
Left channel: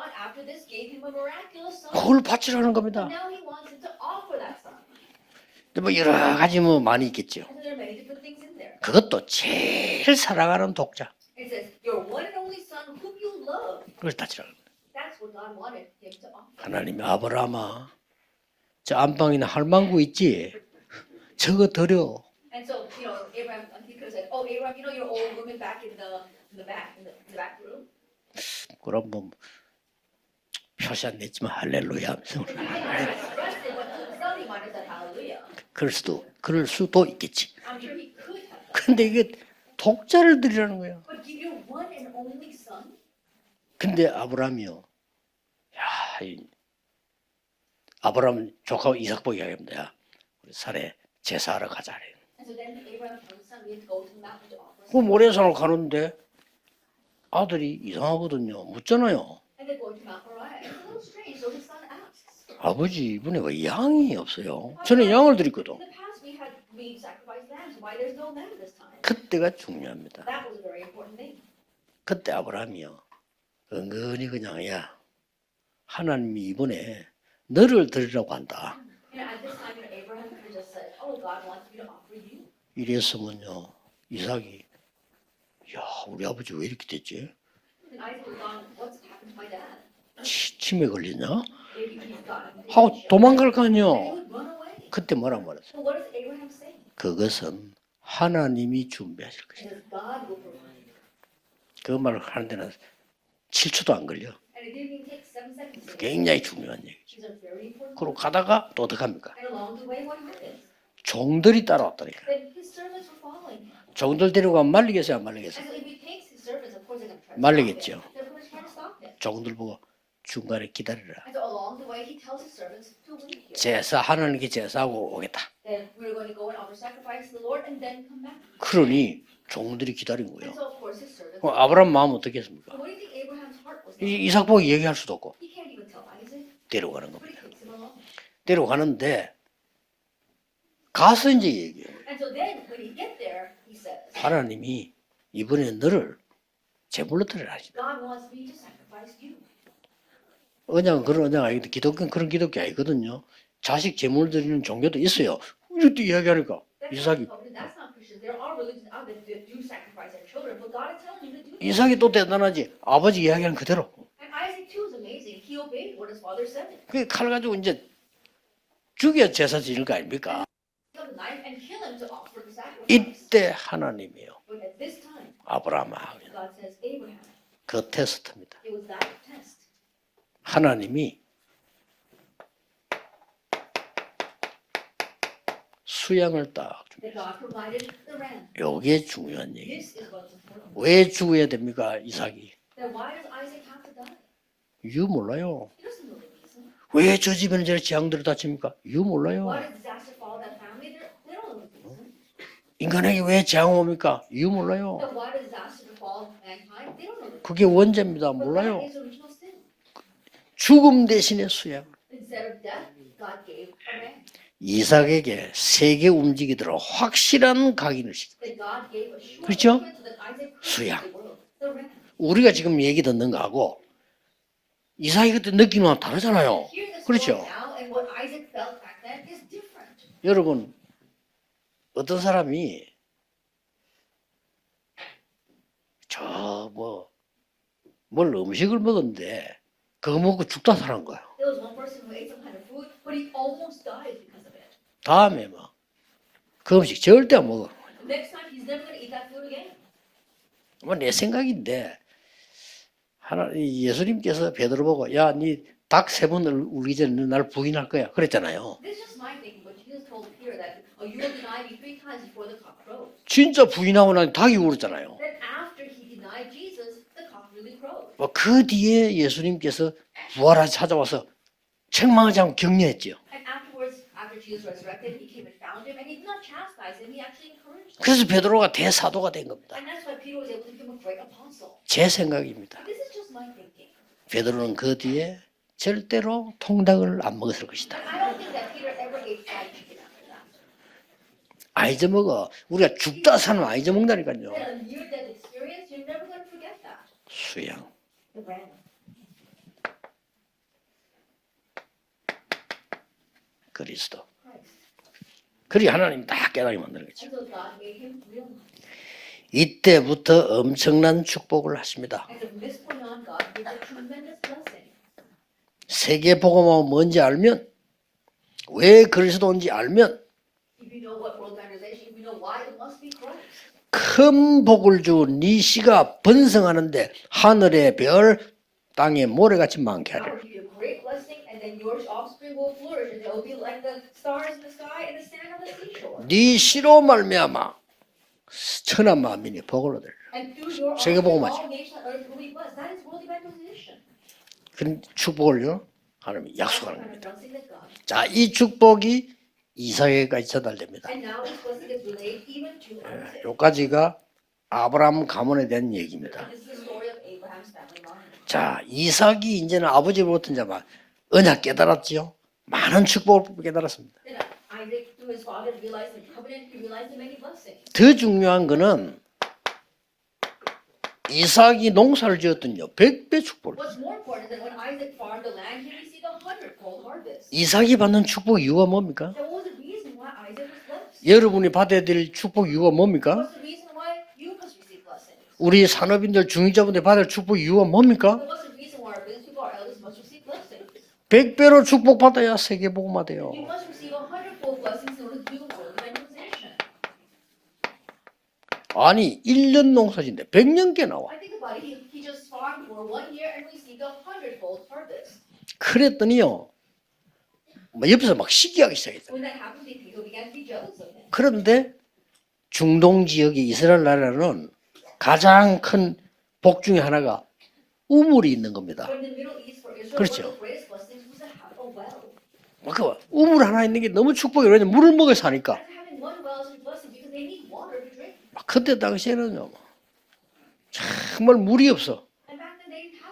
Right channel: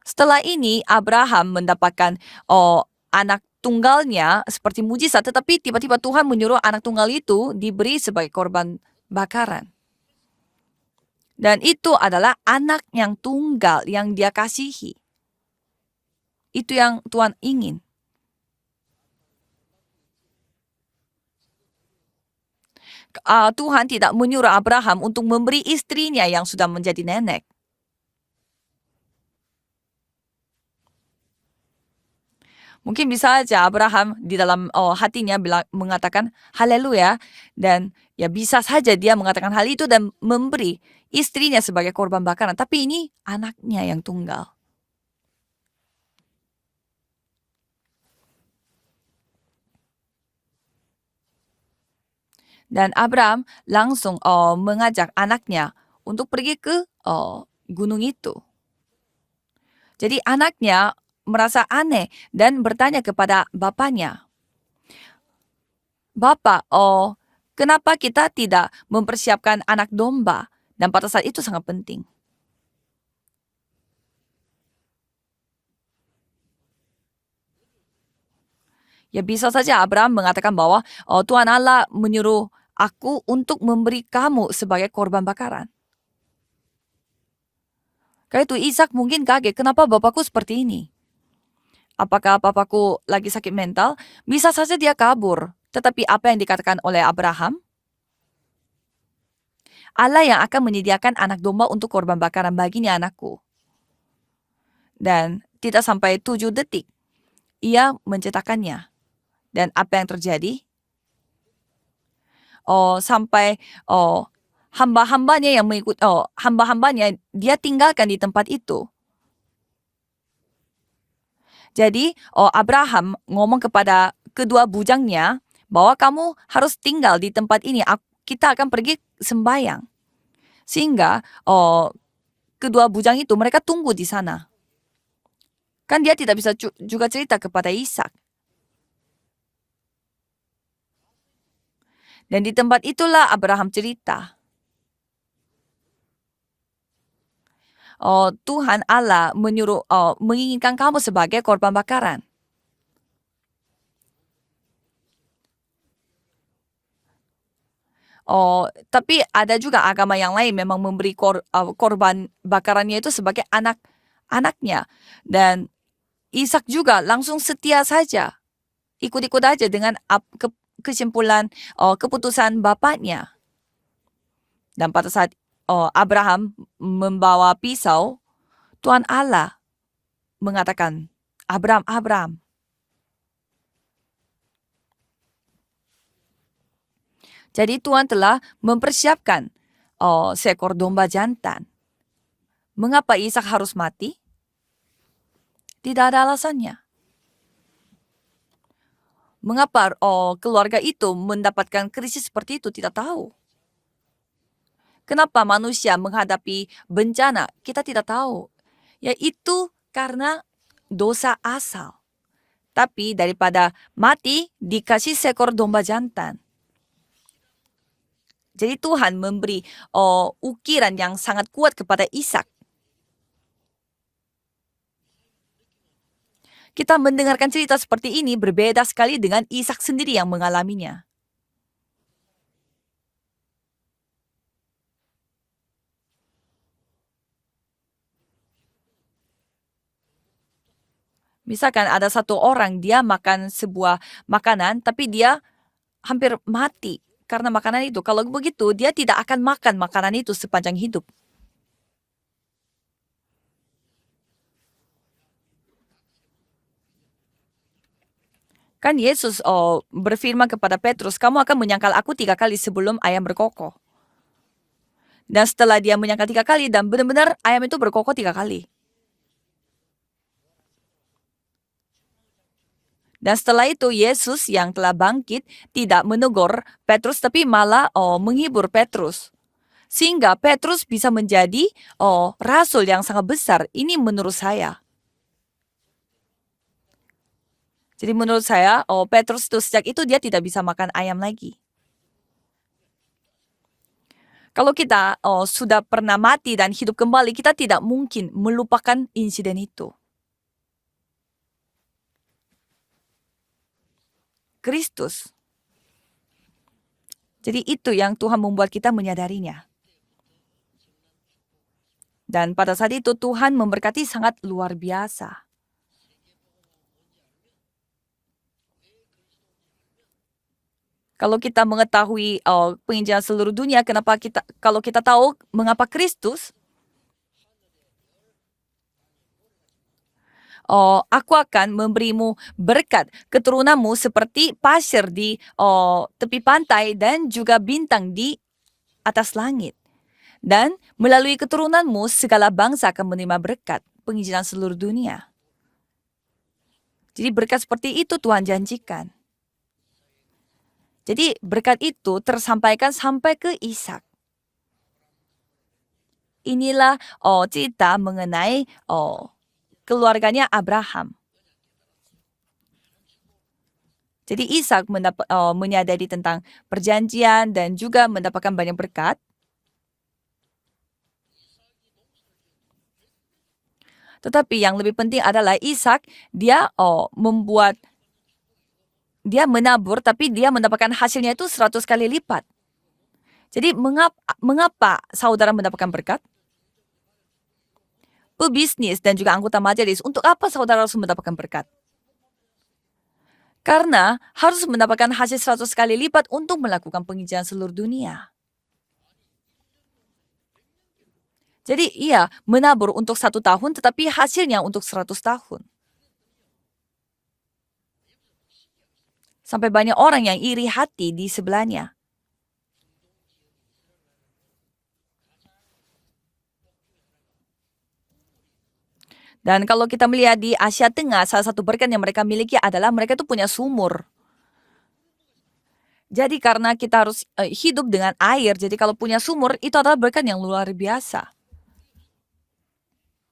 Setelah ini Abraham mendapatkan 그걸 바치라는 겁니다. anak tunggalnya seperti mujizat, tetapi tiba-tiba 뭐 Tuhan 여러 menyuruh 가지 anak 뭐 tunggal 많이 itu diberi sebagai korban 그것도 bakaran. 제일 사랑하는 독자. Dan itu adalah anak yang tunggal yang dia kasihi. Itu yang 하나님, Tuhan 아브라함아, ingin. 저 안방이나 할망구 있지? 저거 드려. Tuhan tidak menyuruh Abraham untuk memberi istrinya yang sudah menjadi nenek. 그럼 뭐 표시 안 냈지만 할렐루야. Mungkin bisa aja Abraham di dalam hatinya mengatakan haleluya, dan ya bisa saja 근데 dia 이게 mengatakan hal itu dan 독자를 memberi 드리라는 거예요. istrinya sebagai korban bakaran. Tapi ini anaknya yang 근데 tunggal. 아브라함이요. 야, 아브라함 조카 이삭 보기 하겠습니다. 야, 우리 산에 제사하러 가자. Dan Abraham langsung mengajak 모래 사러 anaknya 가는데 untuk pergi ke 아들이 gunung itu. 이상하거든요. 묻잖아요. Jadi anaknya merasa aneh dan bertanya 아버지, kepada 이번에 왜 bapaknya, 양이 없어요. 저는 양을 드렸거든. Bapak, kenapa kita tidak mempersiapkan anak domba? Dan pada saat itu sangat penting. 그때 아브라함이요. 은근히 그냥 야 하나님이 이번에 너를 드리라고 한다. Ya bisa saja Abraham mengatakan bahwa Tuhan Allah menyuruh aku untuk memberi kamu sebagai korban bakaran. 야 우리 아버지 왜 이렇게 됐지? Karena itu Ishak mungkin kaget, kenapa bapakku seperti ini? 치매 걸리냐? Apakah bapakku lagi sakit mental? 도망갈까요? Bisa saja dia 그때 kabur. 뭐라고 그랬어요? Tetapi apa yang dikatakan oleh Abraham? 그것은 하나님이 준비하실 것이다. Allah yang akan menyediakan anak domba untuk 그 korban 말을 bakaran 하면은 baginya anakku. 7초도 안 걸려. Dan tidak sampai 굉장히 7 중요한 detik 얘기죠. ia 그럼 하다가 menciptakannya. 또 어떻게 합니까? Dan apa yang terjadi? 종들이 따라왔다니까. Sampai 종들 데리고 가면 말리겠어요. hamba-hambanya yang mengikut hamba-hambanya dia 말리겠죠. tinggalkan di tempat itu. 종들 보고 중간에 기다리라. Jadi Abraham ngomong kepada kedua bujangnya bahwa kamu harus tinggal di tempat ini. Kita akan pergi 그러니 sembahyang. 종들이 기다린 거예요. Sehingga 아브라함 마음 어떻게 했습니까? kedua bujang itu mereka tunggu di sana. 이삭 보고 얘기할 수도 없고 Kan dia tidak bisa juga cerita kepada Ishak. 데려가는데 가서 이제 얘기해요. Dan di tempat itulah Abraham cerita. 하나님이 이번에 너를 제물로 드리라. Tuhan Allah menyuruh menginginkan kamu sebagai korban bakaran. 그런 기독교 아니거든요. 자식 제물 드리는 종교도 있어요. 이렇게 이야기하니까 이삭이 Tapi ada juga agama yang lain memang memberi korban bakarannya itu sebagai anaknya. Dan Ishak juga langsung setia saja. Ikut-ikut aja dengan kesimpulan keputusan bapaknya. 이때 하나님이요. Dan pada saat Abraham membawa 그 pisau, 테스트입니다. Tuhan Allah mengatakan, 하나님이 Abraham, 수양을 딱 jadi Tuhan telah mempersiapkan seekor domba 왜 죽어야 jantan. 됩니까 이삭이? Mengapa Ishak harus mati? 이유 몰라요. Tidak ada alasannya. 왜 저 집에는 저렇게 재앙들이 다칩니까? 이유 몰라요. Mengapa keluarga itu mendapatkan krisis seperti itu? Tidak 인간에게 tahu. 왜 재앙 옵니까? 이유 몰라요. Kenapa manusia menghadapi bencana? 그게 Kita tidak 원죄입니다. tahu. 몰라요. Yaitu karena 죽음 dosa 대신에 asal. 수양. Tapi daripada mati dikasih 이삭에게 seekor domba 세계 jantan. 움직이도록 확실한 각인을 시켰다. Jadi Tuhan memberi 그렇죠? ukiran yang sangat kuat kepada Ishak. 우리가 지금 얘기 듣는 거하고 이삭이 그때 느끼는 건 다르잖아요. Kita 그렇죠? mendengarkan cerita seperti ini berbeda sekali dengan Ishak sendiri yang 여러분, mengalaminya. 어떤 사람이 뭘 음식을 먹었는데 그거 먹고 죽다 사는 거야. Misalkan ada satu orang dia makan sebuah makanan tapi dia 다음에 뭐 hampir 그 mati 음식 절대 karena 안 먹어. makanan itu. Kalau begitu dia tidak akan makan makanan itu sepanjang hidup. 내 생각인데 예수님께서 베드로 보고 야, 니 닭 3번 울기 전에 날 부인할 거야. 그랬잖아요. Kan Yesus berfirman kepada Petrus, kamu akan menyangkal aku 3 kali sebelum ayam 진짜 berkokok. 부인하고 난 닭이 울었잖아요. Dan setelah dia menyangkal 3 kali dan benar-benar ayam itu berkokok 3 kali. 그 뒤에 예수님께서 부활하여 찾아와서 책망하지 않고 격려했죠. Dan setelah itu Yesus yang telah bangkit tidak menegur Petrus tapi malah 그래서 menghibur 베드로가 Petrus. 대사도가 된 겁니다. Sehingga Petrus bisa menjadi 제 생각에 rasul yang sangat besar. Ini menurut saya. 베드로는 그 뒤에 절대로 통닭을 안 먹었을 것이다. Jadi menurut saya Petrus itu sejak itu dia tidak bisa makan ayam lagi. 안 잊어먹어. 우리가 죽다 사는 안 잊어먹는다니까요. Kalau kita sudah pernah mati dan hidup kembali, kita tidak mungkin melupakan insiden itu. 그리스도. Kristus. 그리 하나님 다 깨닫게 만드는 거죠. Jadi itu yang Tuhan membuat kita menyadarinya. 이때부터 엄청난 축복을 하십니다. Dan pada saat itu Tuhan memberkati sangat luar biasa. 세계 복음은 뭔지 알면 왜 그리스도인지 알면 Kalau kita mengetahui penginjilan seluruh dunia, kenapa 큰 kalau 복을 kita tahu 주고 네 mengapa 씨가 Kristus, 번성하는데 하늘의 별 땅에 모래같이 많게 하리라. aku akan memberimu berkat keturunanmu seperti pasir di tepi Di pantai si로 dan juga 말미암아 bintang di 천하 atas 만민이 langit. 복을 얻을. Dan melalui 복음화. keturunanmu segala bangsa akan menerima berkat penginjilan seluruh dunia. 축복을요 하나님이 약속하는 거예요. Jadi berkat seperti itu 자, Tuhan 이 janjikan. 축복이 이삭에게까지 전달됩니다. Jadi berkat itu tersampaikan sampai ke Ishak. 여기까지가 아브라함 가문에 대한 얘기입니다. Inilah cerita mengenai 자, 이삭이 이제는 keluarganya 아버지가 Abraham. 언약 깨달았죠. 많은 축복을 깨달았습니다. Jadi Ishak menyadari tentang perjanjian dan juga 그 mendapatkan 중요한 banyak 거는 berkat. 이삭이 농사를 지었더니요 100배 축복을 줬어요. Tetapi yang lebih penting adalah Ishak dia membuat 이삭이 받는 축복 이유가 뭡니까? dia menabur tapi dia mendapatkan hasilnya itu 여러분이 100 받아야 kali 될 lipat. 축복 이유가 뭡니까? Jadi mengapa saudara 우리 mendapatkan berkat? 산업인들 중위자분들 받을 축복 이유가 뭡니까? Pebisnis dan juga anggota majelis, untuk apa saudara harus mendapatkan berkat? 100배로 축복받아야 세계복음화 돼요. Karena harus mendapatkan hasil 100 kali lipat untuk melakukan penginjilan seluruh dunia. 아니 1년 농사진데 100년께 나와. Jadi iya menabur untuk 1 tahun tetapi hasilnya untuk 100 tahun. 그랬더니요 뭐 옆에서 막 시기하기 시작했어요. Sampai banyak orang yang iri hati di sebelahnya. 그런데 중동 지역의 이스라엘 나라는 가장 큰 복 중에 하나가 우물이 있는 겁니다. Dan kalau kita melihat di Asia Tengah, salah satu berkat yang mereka miliki adalah mereka itu punya 우물 하나 sumur. 있는 게 너무 축복이에요. 왜냐면 물을 먹여 사니까. Jadi karena kita harus hidup dengan air, jadi 그때 kalau punya sumur 당시에는요. itu adalah berkat yang luar biasa. 정말 물이 없어.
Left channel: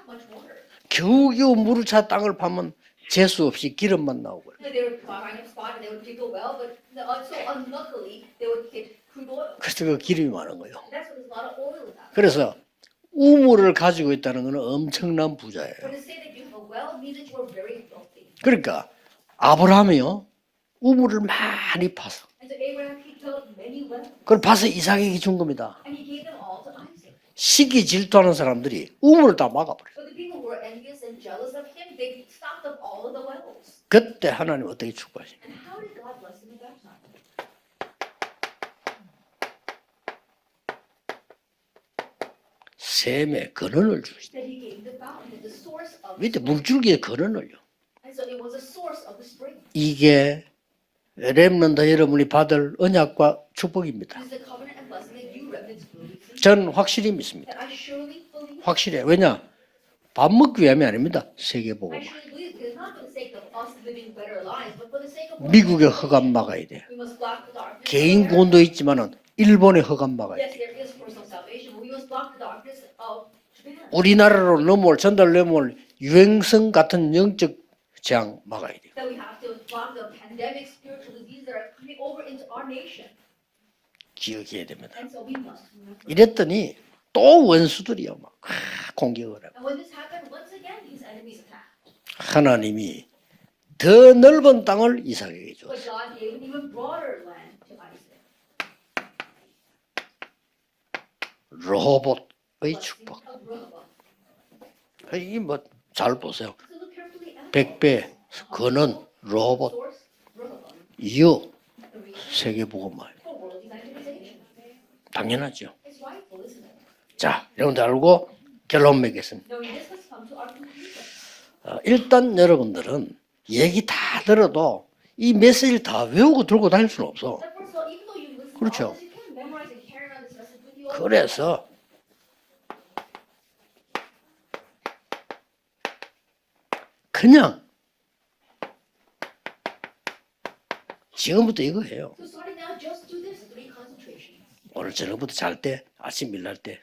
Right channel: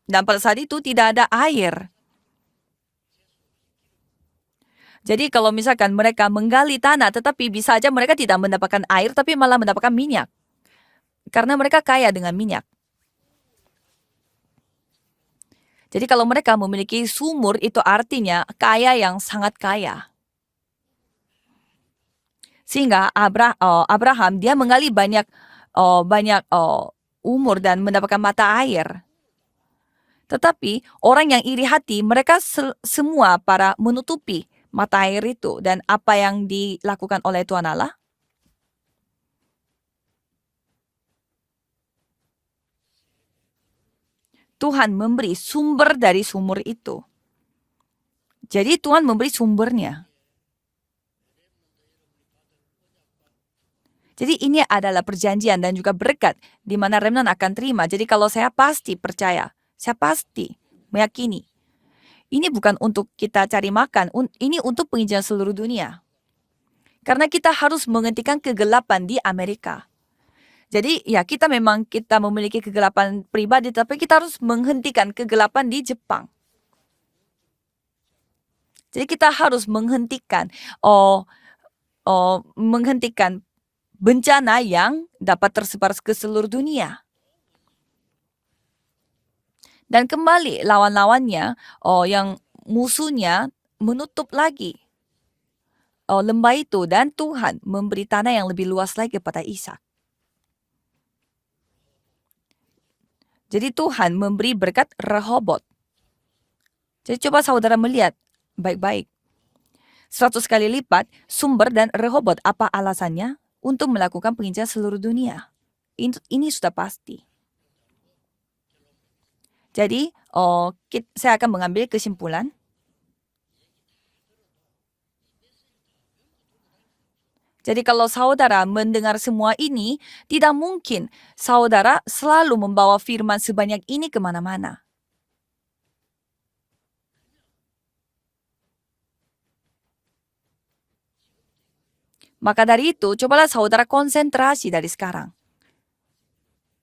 Dan pada saat itu tidak ada air. 물을 차 땅을 파면 재수 없이 기름만 나오고. Jadi kalau misalkan mereka menggali tanah, tetapi bisa aja mereka tidak mendapatkan air, tapi malah mendapatkan minyak. 기름이 많은 거예요. Karena mereka kaya dengan 그래서 minyak. 우물을 가지고 있다는 것은 엄청난 부자예요. Jadi kalau mereka memiliki sumur, itu artinya 그러니까 kaya yang sangat kaya. 아브라함이요 우물을 많이 파서 Sehingga Abraham 그걸 dia 파서 menggali 이삭에게 banyak 준 겁니다. umur dan 시기 mendapatkan 질투하는 mata air. 사람들이 우물을 다 막아버려. Tetapi orang yang iri hati, mereka semua para menutupi 그때 하나님 어떻게 mata air itu. Dan apa yang dilakukan oleh Tuhan Allah? 샘에 근원을 주시다. Tuhan memberi sumber dari 밑에 sumur 물줄기에 itu. 근원을요. Jadi Tuhan memberi sumbernya. 이게 렘넌트 여러분이 받을 언약과 축복입니다. Jadi ini adalah perjanjian dan juga berkat 전 di mana 확실히 remnant 믿습니다. akan terima. Jadi kalau saya pasti 확실해요. percaya, saya pasti 밥 먹기 위함이 아닙니다. meyakini. 세계복음. Ini bukan untuk kita cari makan, ini untuk penginjilan seluruh 미국의 dunia. 허감 막아야 돼. Karena kita harus 개인 menghentikan 돈도 kegelapan 있지만 di Amerika. 일본의 허감 막아야 돼. Jadi ya kita memiliki kegelapan pribadi, tapi kita harus 우리나라로 넘어올 menghentikan 전달 kegelapan 넘어올 di Jepang. 유행성 같은 영적 재앙 막아야 돼요. Jadi kita harus menghentikan bencana yang dapat tersebar ke seluruh 이랬더니 dunia. 또 원수들이요 막 공격을 하고 Dan kembali lawan-lawannya, yang 하나님이 musuhnya 더 menutup 넓은 lagi 땅을 이삭에게 줬어요. lembah itu, dan Tuhan memberi tanah yang lebih luas lagi kepada Ishak. 로봇의 축복. Jadi Tuhan memberi berkat Rehobot. 잘 보세요. Jadi coba saudara 100배 melihat 그는 baik-baik. 로봇. 100 kali lipat Iyo. sumber dan Rehobot. Segitu. Apa alasannya? Untuk melakukan penginjalan seluruh dunia. 당연하죠. Ini sudah pasti. 자, 여러분들 알고 결론 맺겠습니다. Jadi saya akan mengambil 일단 kesimpulan. 여러분들은 얘기 다 들어도 이 메시지를 다 외우고 들고 다닐 수는 없어. Jadi kalau saudara Betul. mendengar semua ini, tidak mungkin 그래서 saudara selalu membawa firman sebanyak ini kemana-mana. 그냥 지금부터 이거 해요. Maka dari itu, cobalah saudara konsentrasi dari sekarang. 지금부터 잘 때, 아침 일날 때.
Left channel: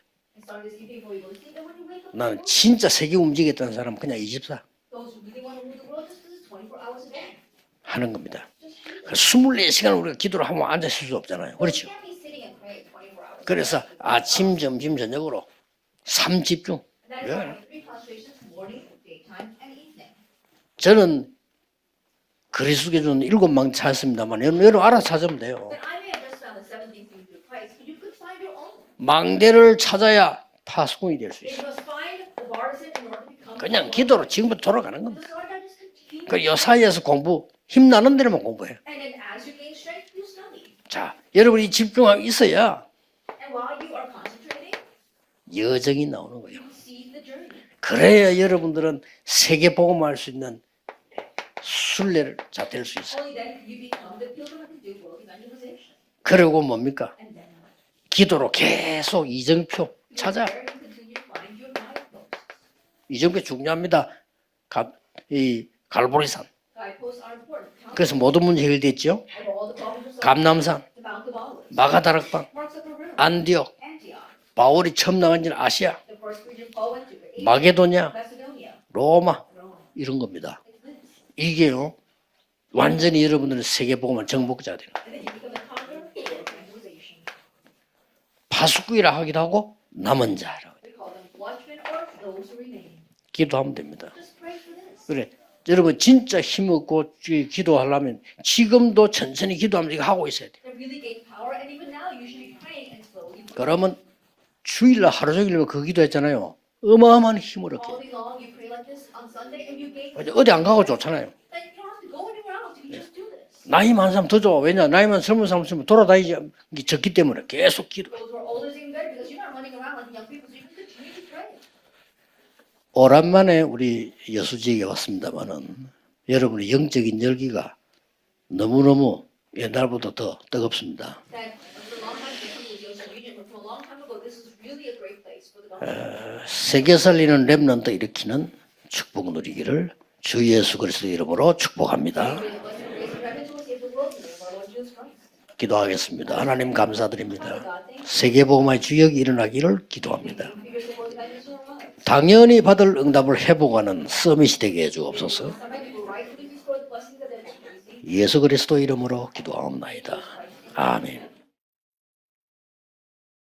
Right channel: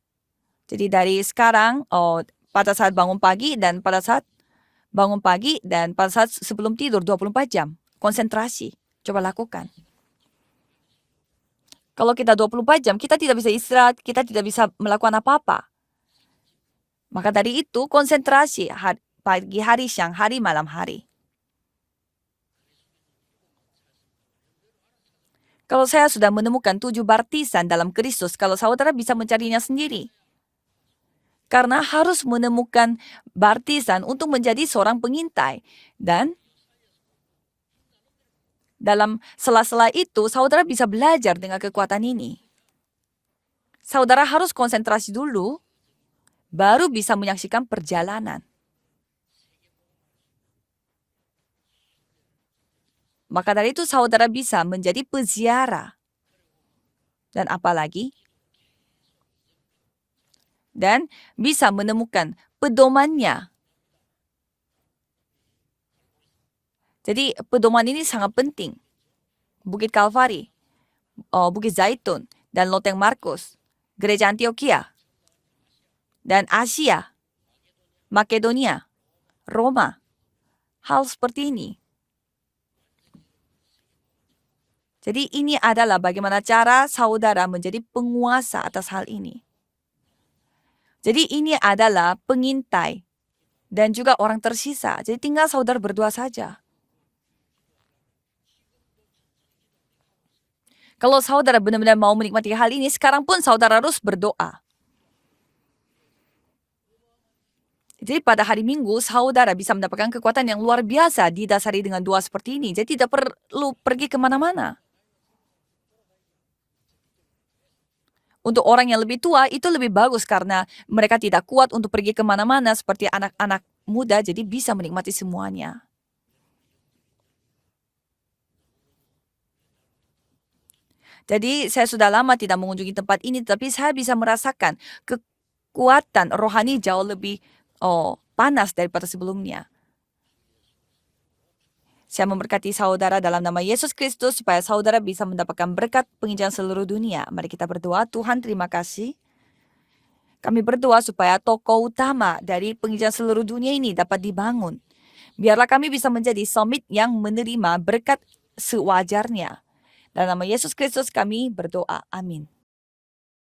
Jadi dari sekarang, 난 pada 진짜 saat 세계 bangun pagi 움직였다는 dan 사람 pada 그냥 saat 24. bangun pagi dan pada saat sebelum tidur 24 jam. Konsentrasi. Coba lakukan. 24시간 우리가 기도를 하면 앉아 있을 수 없잖아요. 그렇죠? Kalau kita 24 jam, kita tidak bisa 그래서 istirahat, kita tidak 아침, bisa 점심, melakukan 저녁으로 apa-apa. 삶 집중. Maka dari itu, konsentrasi pagi hari, siang hari, malam hari. 저는 그리스도께 준 7망 찾았습니다만 여러분 알아서 찾으면 돼요. Kalau saya sudah menemukan 7 baptisan dalam Kristus, kalau saudara bisa mencarinya 망대를 sendiri. 찾아야 파수꾼이 될 수 있어요. Karena harus menemukan baptisan 그냥 기도로 untuk menjadi 지금부터 seorang 돌아가는 pengintai. Dan 그 여사이에서 공부 힘나는 데로만 공부해. dalam sela-sela itu, saudara bisa belajar dengan 여러분이 kekuatan 집중하고 ini. 있어야 Saudara harus konsentrasi dulu, 여정이 나오는 거예요. baru bisa menyaksikan 그래야 perjalanan. 여러분들은 세계 복음할 수 있는 순례를 될 수 있어요. Maka dari itu saudara bisa menjadi peziarah. 그리고 뭡니까? Dan apalagi, 기도로 계속 이정표 찾아. dan bisa menemukan pedomannya. 이정표 중요합니다. 이 갈보리산. Jadi pedoman ini 그래서 sangat 모든 문제 penting. 해결됐죠. Bukit Kalvari, 감남산, Bukit Zaitun, 마가다락방, dan Loteng Markus, 안디옥, Gereja Antioquia, 바울이 처음 나간 데는 아시아, dan Asia, 마게도냐, Makedonia, 로마 Roma. 이런 겁니다. Hal seperti ini. 이게요. 완전히 여러분들은 세계 복음을 정복자 되는 거예요. Jadi ini adalah bagaimana cara saudara menjadi penguasa atas hal 파수꾼이라 ini. 하기도 하고 남은 자라고 돼요. Jadi ini adalah pengintai 기도하면 dan juga orang tersisa. Jadi 그래. tinggal saudara 여러분 berdoa 진짜 saja. 힘없고 기도하려면 지금도 천천히 기도하면서 이거 하고 있어야 돼요. Kalau saudara benar-benar mau menikmati hal ini, sekarang pun saudara 그러면 harus berdoa. 주일날 하루 종일 그 기도했잖아요. 어마어마한 힘을 얻게 돼요. Jadi pada hari Minggu saudara bisa mendapatkan kekuatan 어디 yang 안 luar 가고 biasa 좋잖아요. didasari dengan doa seperti ini. Jadi tidak perlu 나이 pergi 많은 사람 더 좋아. kemana-mana. 왜냐? 나이만 젊은 사람 있으면 돌아다니지 적기 때문에 계속 기도. Untuk orang yang lebih tua itu lebih bagus karena mereka tidak kuat untuk pergi kemana-mana seperti 오랜만에 anak-anak 우리 muda. Jadi bisa 여수지에 menikmati semuanya. 왔습니다만 여러분의 영적인 열기가 너무너무 옛날보다 더 뜨겁습니다. Jadi saya sudah lama tidak mengunjungi tempat ini, tapi saya bisa merasakan kekuatan rohani 세계 jauh 살리는 lebih 렘넌트 일으키는 panas daripada 축복을 sebelumnya. 누리기를 주 예수 그리스도 이름으로 축복합니다. Saya memberkati saudara dalam nama Yesus Kristus supaya saudara bisa mendapatkan berkat 기도하겠습니다. penginjilan 하나님 seluruh dunia. Mari kita 감사드립니다. berdoa. Tuhan, 세계 terima 복음의 kasih. 주역이 일어나기를 기도합니다. Kami berdoa supaya tokoh utama 당연히 dari 받을 penginjilan 응답을 seluruh dunia ini 회복하는 dapat 서밋이 dibangun. 되게 해주옵소서. Biarlah kami bisa menjadi summit yang menerima berkat 예수 그리스도 이름으로 sewajarnya. 기도하옵나이다. Dalam nama Yesus Kristus 아멘. kami berdoa. Amin.